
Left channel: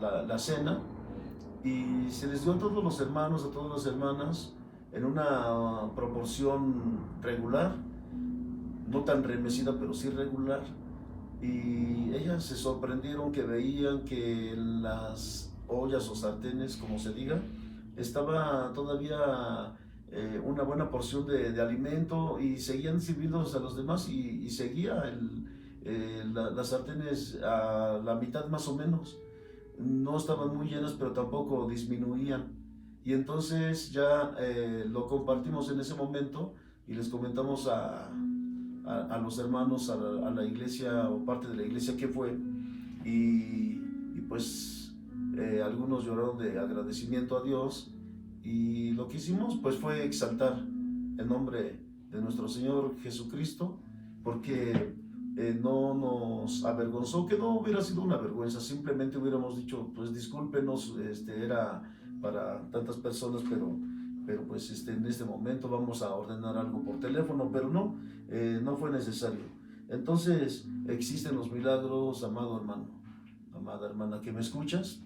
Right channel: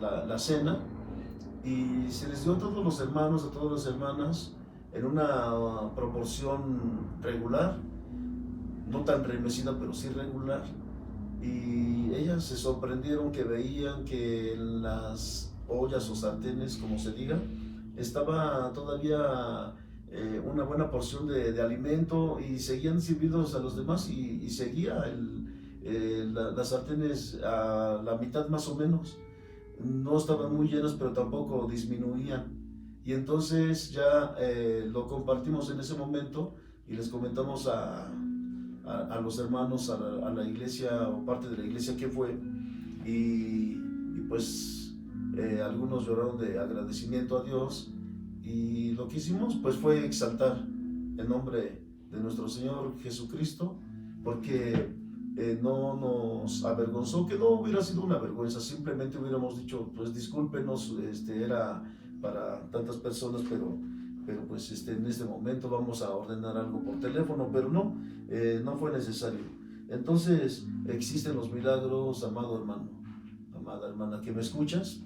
la cena, y se les dio a todos los hermanos, a todas las hermanas, en una proporción regular, no tan remecida, pero sí regular. Y ellas se sorprendieron que veían que en las ollas o sartenes, como se diga, estaba todavía una buena porción de alimento, y seguían sirviéndose a los demás, y seguía las sartenes a la mitad más o menos. No estaban muy llenas, pero tampoco disminuían. Y entonces ya lo compartimos en ese momento y les comentamos a los hermanos, a la iglesia o parte de la iglesia que fue, y pues algunos lloraron de agradecimiento a Dios, y lo que hicimos pues fue exaltar el nombre de nuestro Señor Jesucristo, porque no nos avergonzó, que no hubiera sido una vergüenza, simplemente hubiéramos dicho, pues discúlpenos, era para tantas personas, pero pues en este momento vamos a ordenar algo por teléfono, pero no, no fue necesario. Entonces existen los milagros, amado hermano, amada hermana que me escuchas.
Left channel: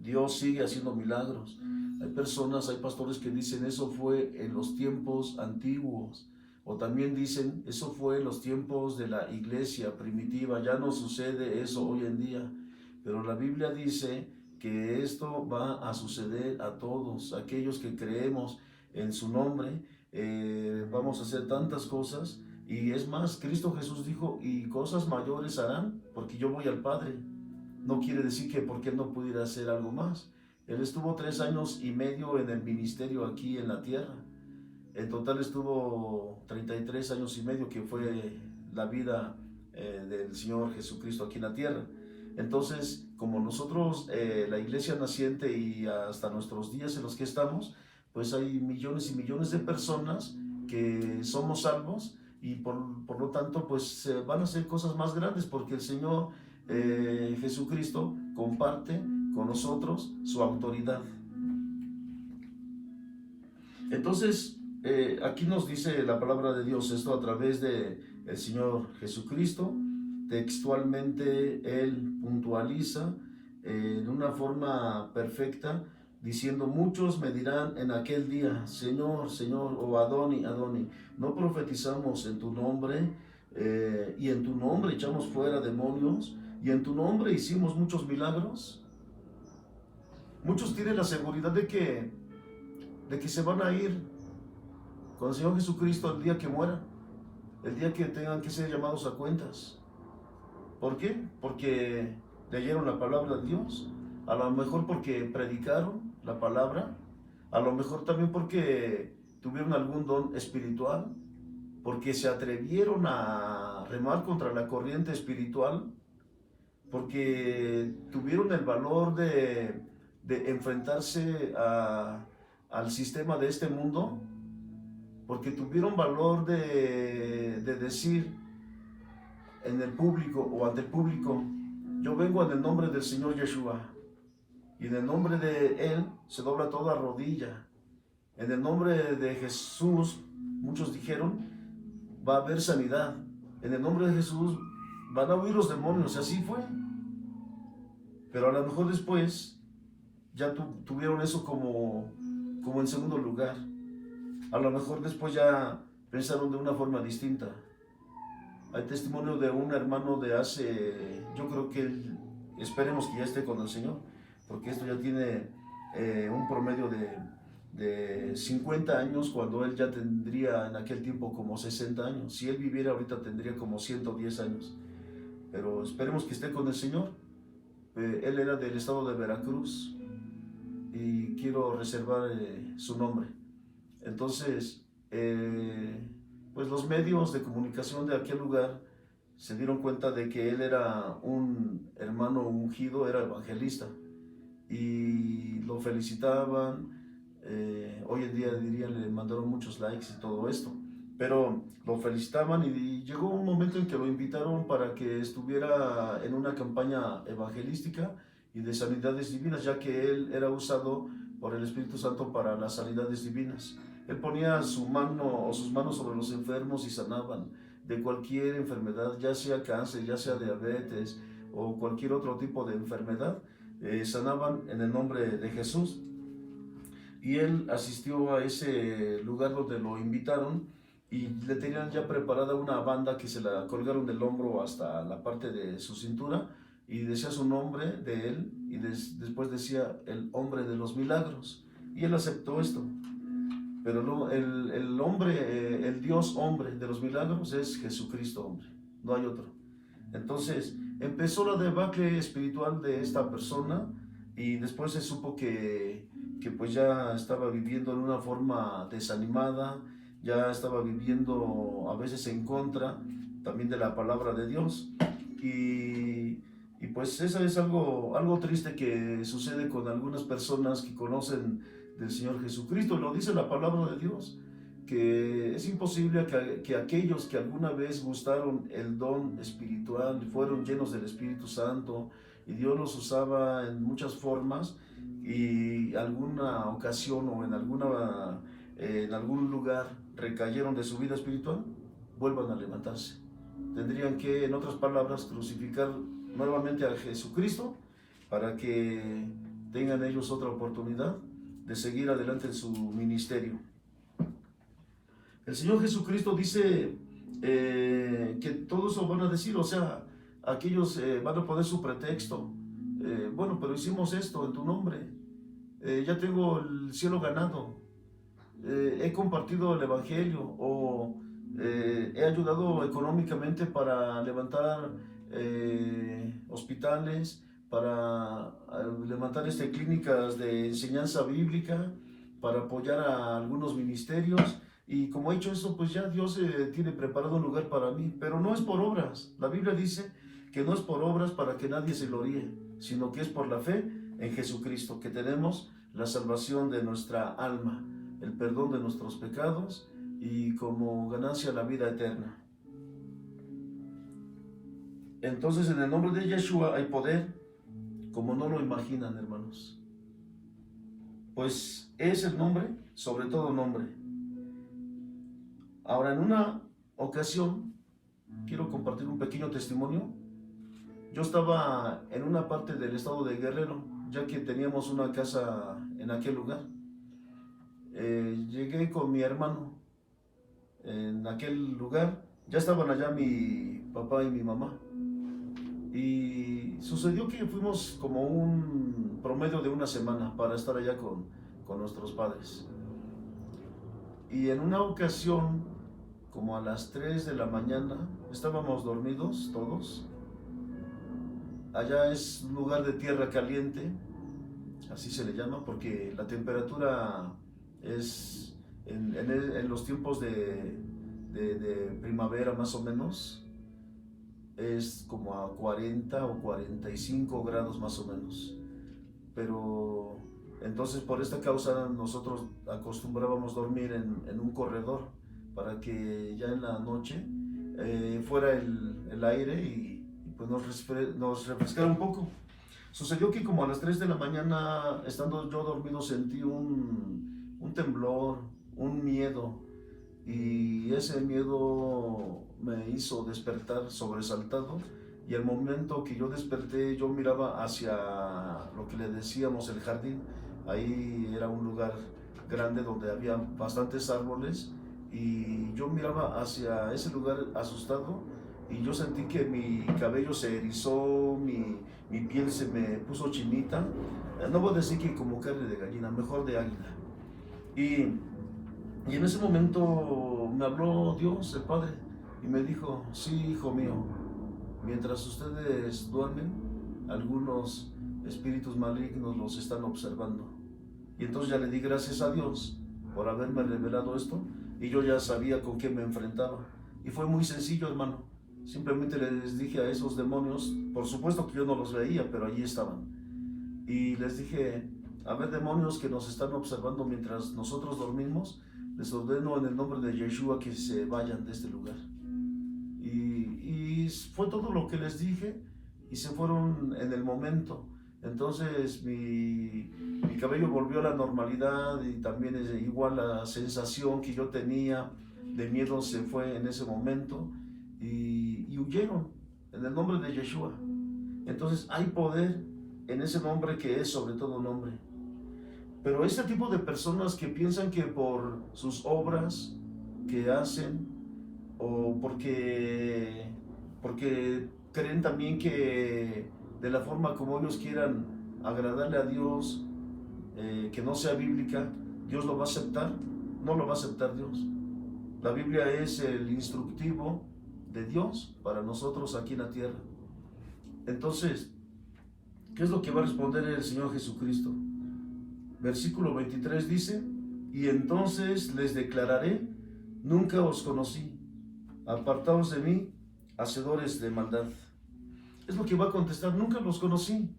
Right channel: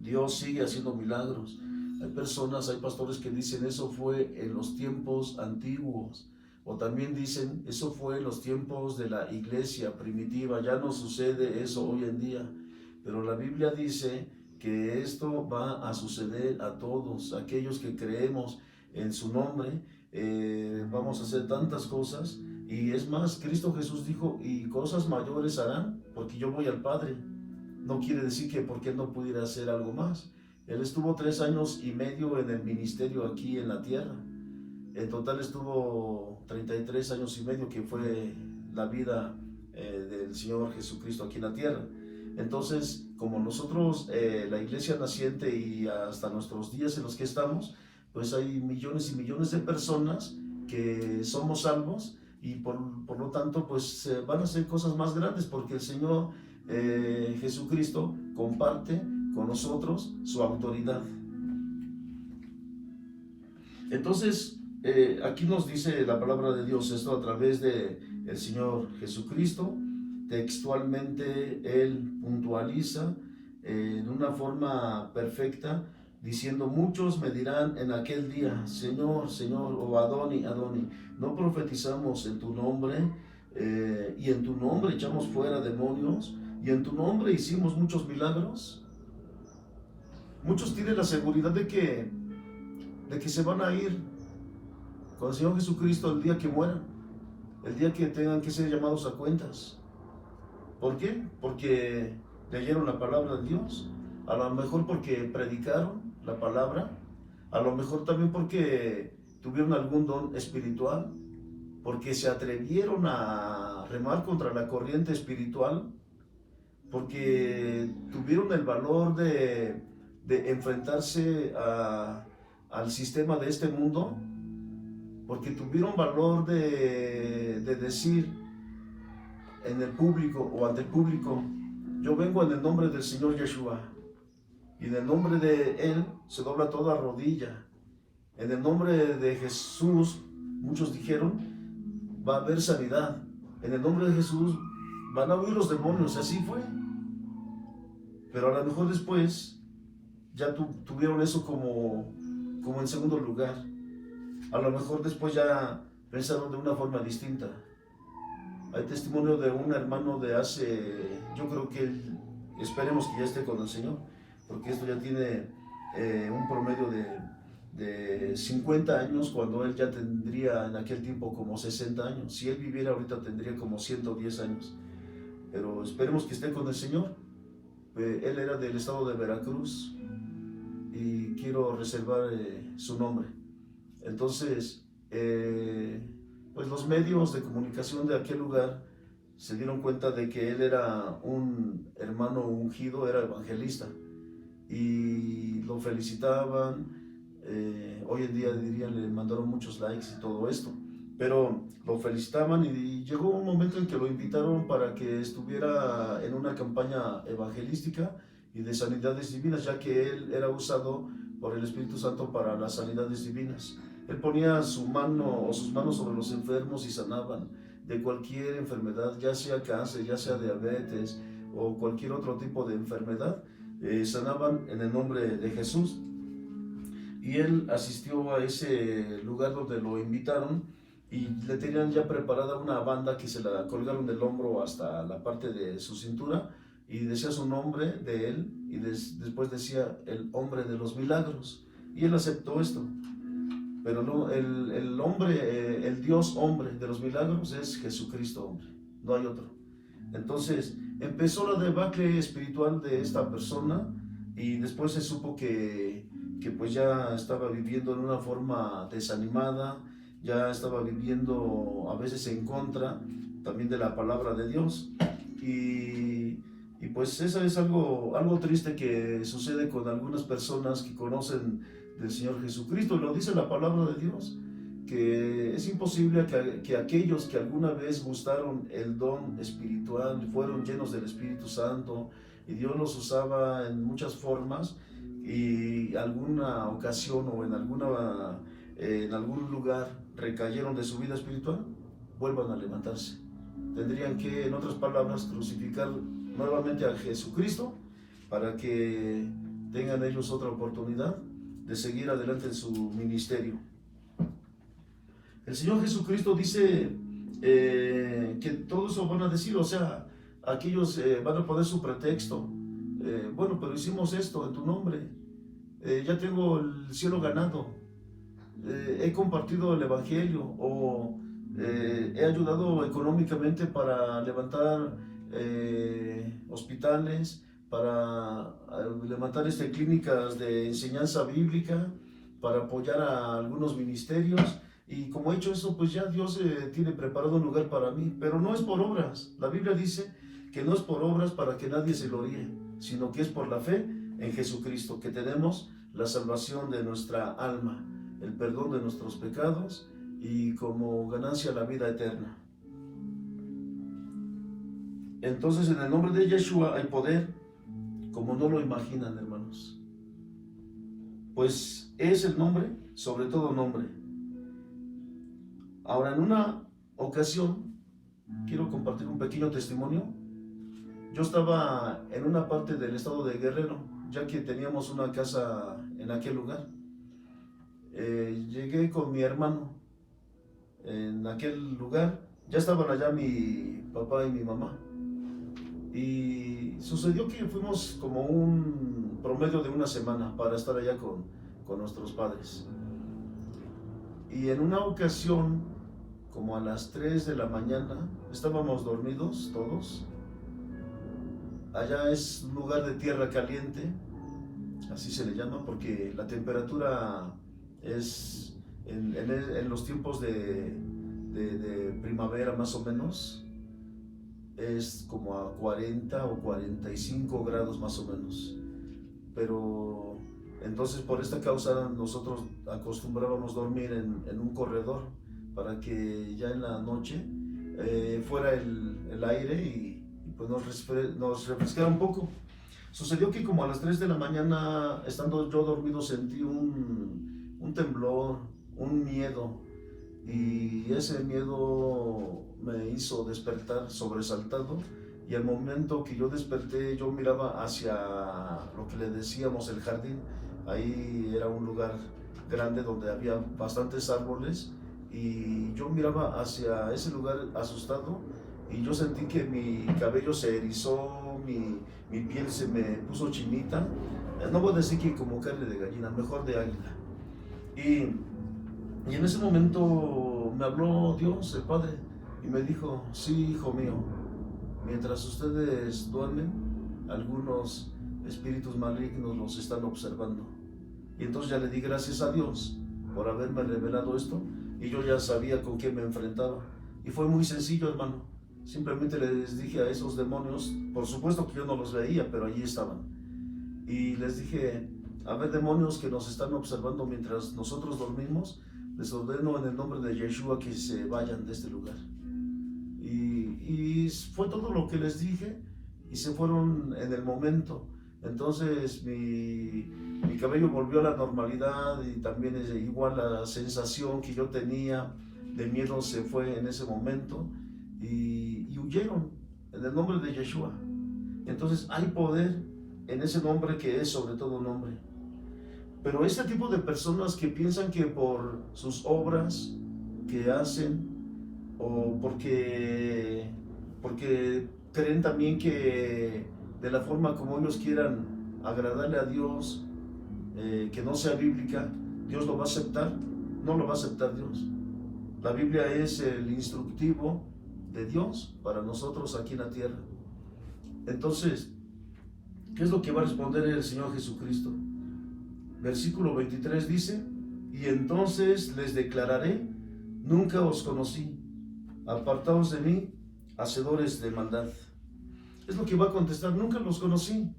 Dios sigue haciendo milagros. Hay personas, hay pastores que dicen eso fue en los tiempos antiguos, o también dicen eso fue en los tiempos de la iglesia primitiva. Ya no sucede eso hoy en día, pero la Biblia dice que esto va a suceder a todos aquellos que creemos en su nombre. Vamos a hacer tantas cosas, Y es más, Cristo Jesús dijo, y cosas mayores harán, porque yo voy al Padre. No quiere decir que porque Él no pudiera hacer algo más. Él estuvo 3 años y medio en el ministerio aquí en la tierra. En total estuvo 33 años y medio, que fue la vida del Señor Jesucristo aquí en la tierra. Entonces, como nosotros, la iglesia naciente y hasta nuestros días en los que estamos, pues hay millones y millones de personas que somos salvos, y por lo tanto pues van a hacer cosas más grandes, porque el Señor Jesucristo comparte con nosotros su autoridad. Entonces, aquí nos dice la palabra de Dios esto a través de el Señor Jesucristo. Textualmente Él puntualiza de una forma perfecta, diciendo: muchos me dirán en aquel día, Señor, Señor, o Adoni, Adoni, no profetizamos en tu nombre, y en tu nombre echamos fuera demonios, y en tu nombre hicimos muchos milagros. Muchos tienen la seguridad de que se van a ir con el Señor Jesucristo el día que mueran, el día que tengan que ser llamados a cuentas. ¿Por qué? Porque leyeron la palabra de Dios, a lo mejor porque predicaron la palabra, a lo mejor también porque tuvieron algún don espiritual, porque se atrevieron a remar contra la corriente espiritual, porque tuvieron el valor de enfrentarse al sistema de este mundo, porque tuvieron valor de decir en el público o ante el público: yo vengo en el nombre del Señor Yeshua, y en el nombre de Él se dobla toda rodilla. En el nombre de Jesús, muchos dijeron, va a haber sanidad. En el nombre de Jesús van a huir los demonios. Así fue. Pero a lo mejor después ya tuvieron eso como en segundo lugar. A lo mejor después ya pensaron de una forma distinta. Hay testimonio de un hermano de hace, yo creo que esperemos que ya esté con el Señor, porque esto ya tiene un promedio de 50 años, cuando él ya tendría en aquel tiempo como 60 años. Si él viviera ahorita tendría como 110 años. Pero esperemos que esté con el Señor. Él era del estado de Veracruz y quiero reservar su nombre. Entonces, pues los medios de comunicación de aquel lugar se dieron cuenta de que él era un hermano ungido, era evangelista, y lo felicitaban. Hoy en día dirían, le mandaron muchos likes y todo esto, pero lo felicitaban, y llegó un momento en que lo invitaron para que estuviera en una campaña evangelística y de sanidades divinas, ya que él era usado por el Espíritu Santo para las sanidades divinas. Él ponía su mano o sus manos sobre los enfermos y sanaban de cualquier enfermedad, ya sea cáncer, ya sea diabetes o cualquier otro tipo de enfermedad. Sanaban en el nombre de Jesús. Y él asistió a ese lugar donde lo invitaron, y le tenían ya preparada una banda que se la colgaron del hombro hasta la parte de su cintura, y decía su nombre de él, y después decía el hombre de los milagros, y él aceptó esto. Pero no, el hombre, el Dios hombre de los milagros es Jesucristo hombre, no hay otro. Entonces empezó la debacle espiritual de esta persona, y después se supo que pues ya estaba viviendo en una forma desanimada, ya estaba viviendo a veces en contra también de la palabra de Dios, y pues eso es algo triste que sucede con algunas personas que conocen del Señor Jesucristo. Lo dice la palabra de Dios, que es imposible que aquellos que alguna vez gustaron el don espiritual, fueron llenos del Espíritu Santo, y Dios los usaba en muchas formas, y alguna ocasión o en algún lugar recayeron de su vida espiritual, vuelvan a levantarse. Tendrían que, en otras palabras, crucificar nuevamente a Jesucristo para que tengan ellos otra oportunidad de seguir adelante en su ministerio. El Señor Jesucristo dice que todos lo van a decir, o sea, aquellos van a poner su pretexto. Bueno, pero hicimos esto en tu nombre, ya tengo el cielo ganado, he compartido el evangelio, o He ayudado económicamente para levantar hospitales, para levantar clínicas de enseñanza bíblica, para apoyar a algunos ministerios. Y como he hecho eso, pues ya Dios tiene preparado un lugar para mí, pero no es por obras. La Biblia dice que no es por obras para que nadie se gloríe, sino que es por la fe en Jesucristo, que tenemos la salvación de nuestra alma, el perdón de nuestros pecados y como ganancia la vida eterna. Entonces, en el nombre de Yeshua hay poder como no lo imaginan, hermanos. Pues es el nombre sobre todo nombre. Ahora, en una ocasión, quiero compartir un pequeño testimonio. Yo estaba en una parte del estado de Guerrero, ya que teníamos una casa en aquel lugar. Llegué con mi hermano en aquel lugar. Ya estaban allá mi papá y mi mamá. Y sucedió que fuimos como un promedio de una semana para estar allá con nuestros padres. Y en una ocasión, como a las 3 de la mañana, estábamos dormidos todos. Allá es un lugar de tierra caliente, así se le llama, porque la temperatura es en los tiempos de primavera más o menos, es como a 40 o 45 grados más o menos. Pero entonces por esta causa nosotros acostumbrábamos dormir en un corredor para que ya en la noche fuera el aire y pues nos refrescara un poco. Sucedió que como a las 3 de la mañana, estando yo dormido, sentí un temblor, un miedo, y ese miedo me hizo despertar sobresaltado. Y al momento que yo desperté, yo miraba hacia lo que le decíamos el jardín. Ahí era un lugar grande donde había bastantes árboles, y yo miraba hacia ese lugar asustado, y yo sentí que mi cabello se erizó, mi piel se me puso chinita. No voy a decir que como carne de gallina, mejor de águila. Y en ese momento me habló Dios, el Padre, y me dijo: sí, hijo mío, mientras ustedes duermen, algunos espíritus malignos los están observando. Y entonces ya le di gracias a Dios por haberme revelado esto, y yo ya sabía con quién me enfrentaba. Y fue muy sencillo, hermano. Simplemente les dije a esos demonios, por supuesto que yo no los veía, pero allí estaban. Y les dije: a ver, demonios que nos están observando mientras nosotros dormimos, les ordeno en el nombre de Yeshua que se vayan de este lugar. Y fue todo lo que les dije, y se fueron en el momento. Entonces mi cabello volvió a la normalidad, y también igual la sensación que yo tenía de miedo se fue en ese momento, y huyeron en el nombre de Yeshua. Entonces hay poder en ese nombre que es sobre todo nombre. Pero ese tipo de personas que piensan que por sus obras que hacen, o porque creen también que de la forma como ellos quieran agradarle a Dios, que no sea bíblica, Dios lo va a aceptar. No lo va a aceptar Dios. La Biblia es el instructivo de Dios para nosotros aquí en la tierra. Entonces, ¿qué es lo que va a responder el Señor Jesucristo? Versículo 23 dice: y entonces les declararé: nunca os conocí, apartaos de mí, hacedores de maldad. Es lo que va a contestar: nunca los conocí.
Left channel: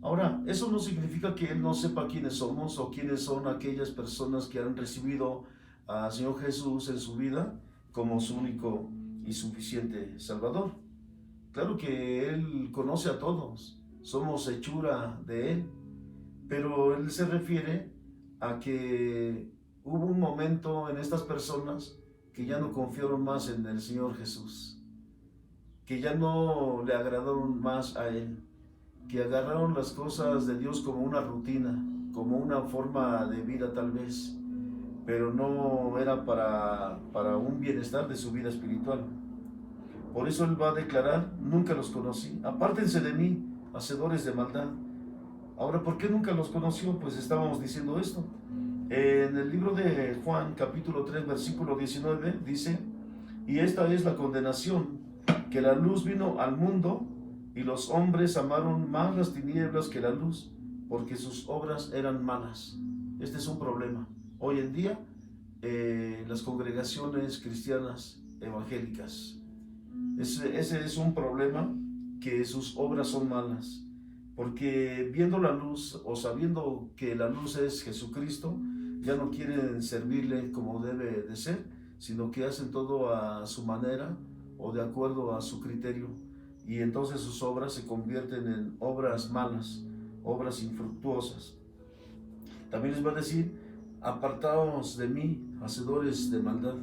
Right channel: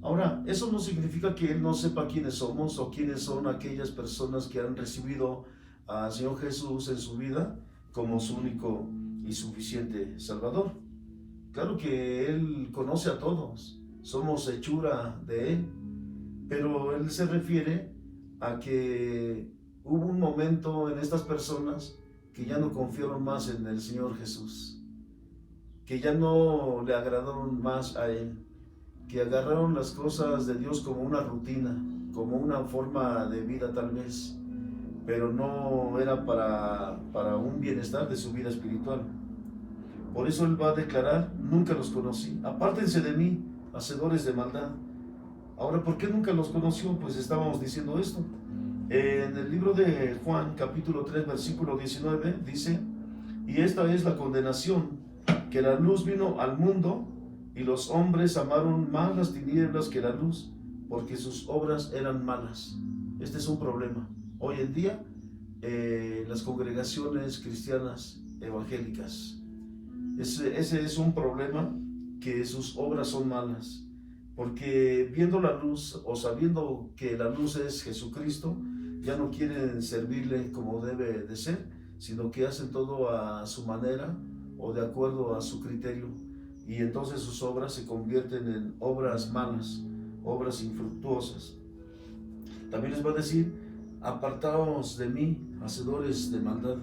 Ahora, eso no significa que Él no sepa quiénes somos o quiénes son aquellas personas que han recibido al Señor Jesús en su vida como su único y suficiente Salvador. Claro que Él conoce a todos, somos hechura de Él, pero Él se refiere a que hubo un momento en estas personas que ya no confiaron más en el Señor Jesús, que ya no le agradaron más a Él, que agarraron las cosas de Dios como una rutina, como una forma de vida tal vez, pero no era para un bienestar de su vida espiritual. Por eso Él va a declarar: nunca los conocí, apártense de mí, hacedores de maldad. Ahora, ¿por qué nunca los conoció? Pues estábamos diciendo esto. En el libro de Juan, capítulo 3, versículo 19, dice: y esta es la condenación, que la luz vino al mundo, y los hombres amaron más las tinieblas que la luz, porque sus obras eran malas. Este es un problema. Hoy en día, las congregaciones cristianas evangélicas, ese es un problema, que sus obras son malas, porque viendo la luz o sabiendo que la luz es Jesucristo, ya no quieren servirle como debe de ser, sino que hacen todo a su manera o de acuerdo a su criterio, y entonces sus obras se convierten en obras malas, obras infructuosas. También les va a decir: apartaos de mí, hacedores de maldad.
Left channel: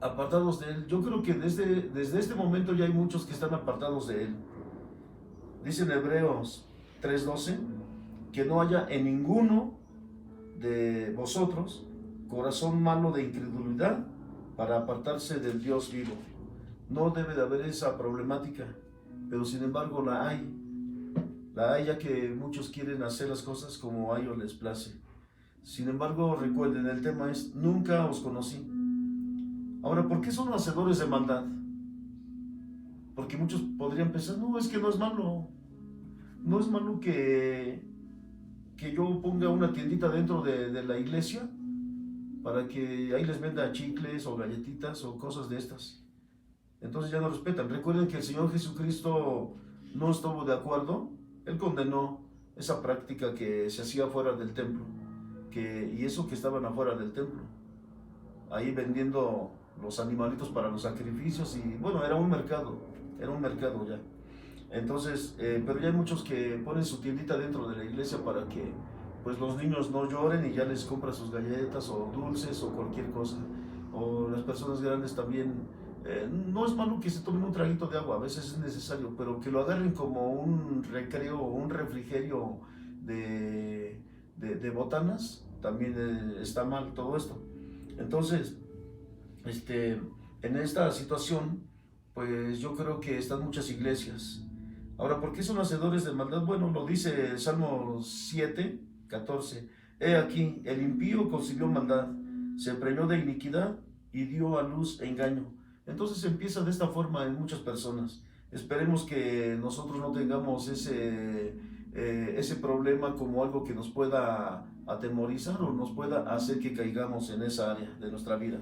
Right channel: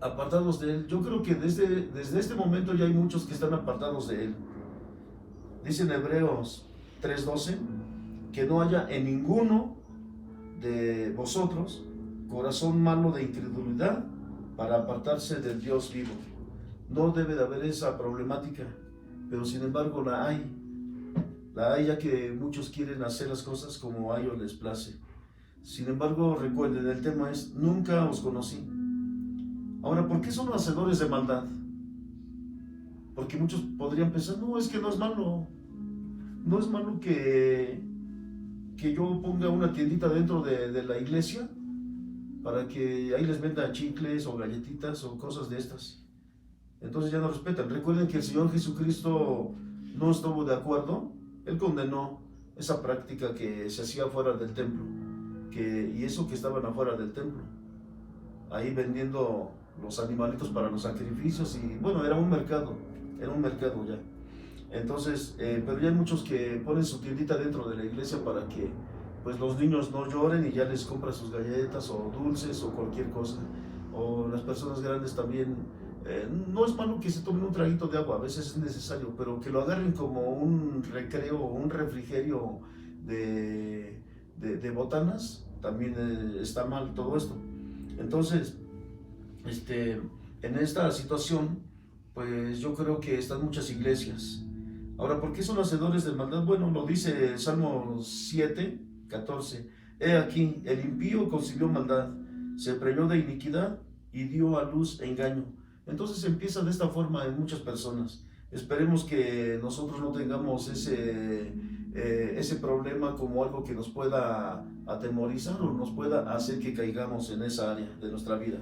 Apartados de Él. Yo creo que desde este momento ya hay muchos que están apartados de Él. Dice en Hebreos 3:12, que no haya en ninguno de vosotros corazón malo de incredulidad para apartarse del Dios vivo. No debe de haber esa problemática, pero sin embargo la hay ya que muchos quieren hacer las cosas como a ellos les place. Sin embargo, recuerden, el tema es: nunca os conocí. Ahora, ¿por qué son hacedores de maldad? Porque muchos podrían pensar: no, es que no es malo. No es malo que yo ponga una tiendita dentro de la iglesia para que ahí les venda chicles o galletitas o cosas de estas. Entonces ya no respetan. Recuerden que el Señor Jesucristo no estuvo de acuerdo. Él condenó esa práctica que se hacía fuera del templo, y eso que estaban afuera del templo, ahí vendiendo los animalitos para los sacrificios, y bueno, era un mercado ya. Entonces, pero ya hay muchos que ponen su tiendita dentro de la iglesia para que pues los niños no lloren, y ya les compran sus galletas o dulces o cualquier cosa. O las personas grandes también, no es malo que se tomen un traguito de agua, a veces es necesario, pero que lo agarren como un recreo o un refrigerio de botanas, también está mal todo esto. Entonces, en esta situación, pues yo creo que están muchas iglesias. Ahora, ¿por qué son hacedores de maldad? Bueno, lo dice Salmo 7, 14. He aquí, el impío concibió maldad, se preñó de iniquidad y dio a luz engaño. Entonces empieza de esta forma en muchas personas. Esperemos que nosotros no tengamos ese problema como algo que nos pueda atemorizar o nos pueda hacer que caigamos en esa área de nuestra vida.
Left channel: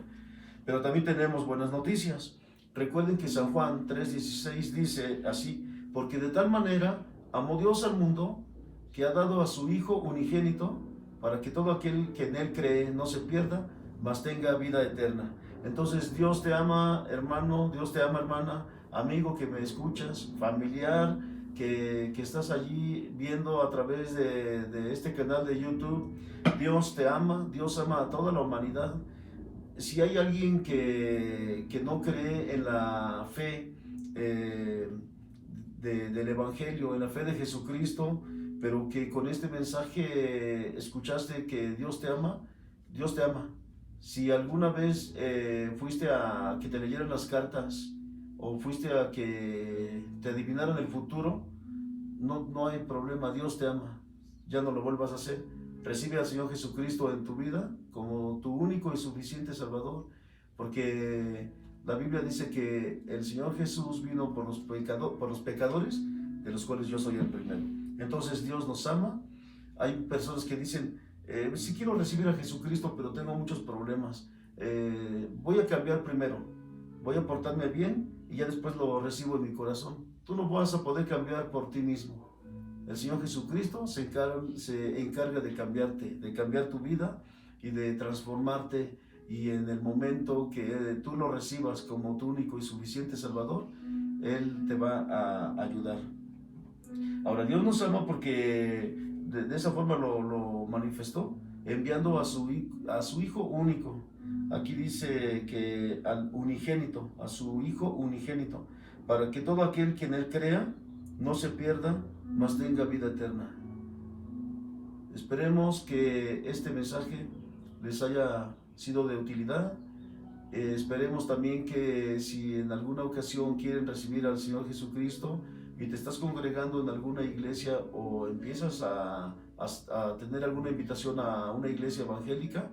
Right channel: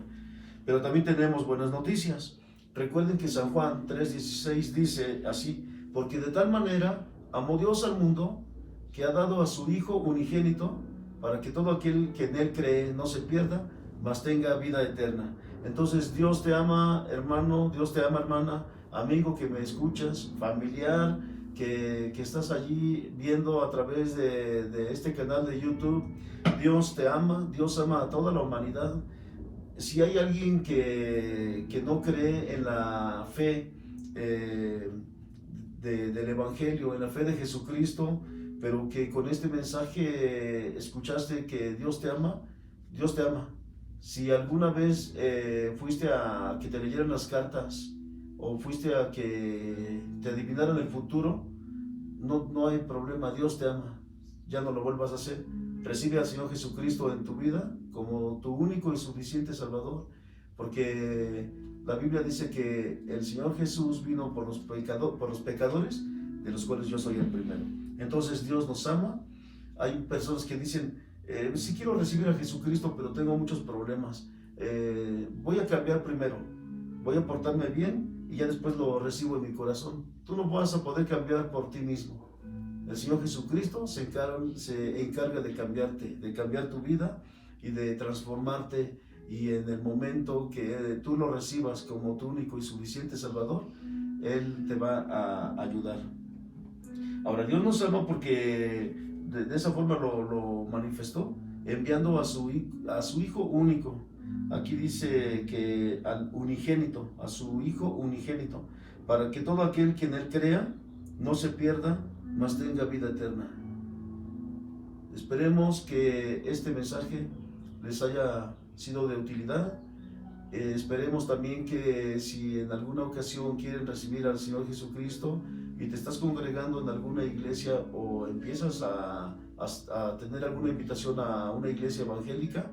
Pero también tenemos buenas noticias. Recuerden que San Juan 3:16 dice así: porque de tal manera amó Dios al mundo, que ha dado a su Hijo unigénito, para que todo aquel que en Él cree no se pierda, mas tenga vida eterna. Entonces Dios te ama, hermano, Dios te ama, hermana, amigo que me escuchas, familiar que estás allí viendo a través de este canal de YouTube. Dios te ama, Dios ama a toda la humanidad. Si hay alguien que no cree en la fe del Evangelio, en la fe de Jesucristo, pero que con este mensaje escuchaste que Dios te ama, Dios te ama. Si alguna vez fuiste a que te leyeran las cartas o fuiste a que te adivinaran el futuro, no hay problema, Dios te ama. Ya no lo vuelvas a hacer. Recibe al Señor Jesucristo en tu vida como tu único y suficiente Salvador, porque la Biblia dice que el Señor Jesús vino por los pecadores, de los cuales yo soy el primero. Entonces Dios nos ama. Hay personas que dicen: sí quiero recibir a Jesucristo, pero tengo muchos problemas. Voy a cambiar primero, voy a portarme bien y ya después lo recibo en mi corazón. Tú no vas a poder cambiar por ti mismo. El Señor Jesucristo se encarga de cambiarte, de cambiar tu vida y de transformarte, y en el momento que tú lo recibas como tu único y suficiente Salvador, Él te va a ayudar. Ahora, Dios nos ama porque de esa forma lo manifestó, enviando a su Hijo único. Aquí dice que al unigénito, a su Hijo unigénito, para que todo aquel que en Él crea no se pierda, mas tenga vida eterna. Esperemos que este mensaje les haya sido de utilidad. Esperemos también que si en alguna ocasión quieren recibir al Señor Jesucristo y te estás congregando en alguna iglesia o empiezas a a tener alguna invitación a una iglesia evangélica,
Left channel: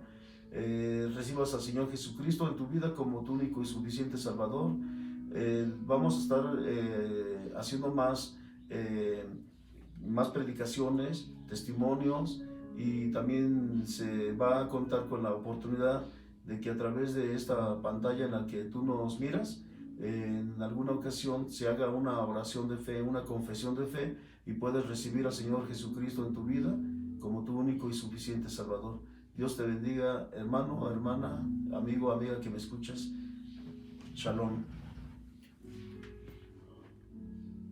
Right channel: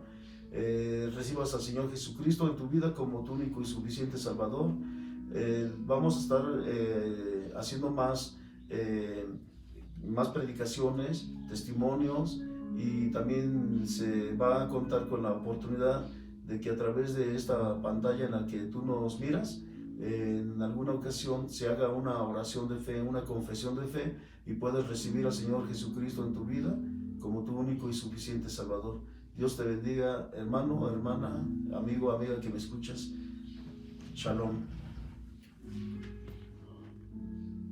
recibas al Señor Jesucristo en tu vida como tu único y suficiente Salvador. Vamos a estar haciendo más predicaciones, testimonios, y también se va a contar con la oportunidad de que a través de esta pantalla en la que tú nos miras, en alguna ocasión se haga una oración de fe, una confesión de fe, y puedes recibir al Señor Jesucristo en tu vida como tu único y suficiente Salvador. Dios te bendiga, hermano, hermana, amigo, amiga que me escuchas. Shalom.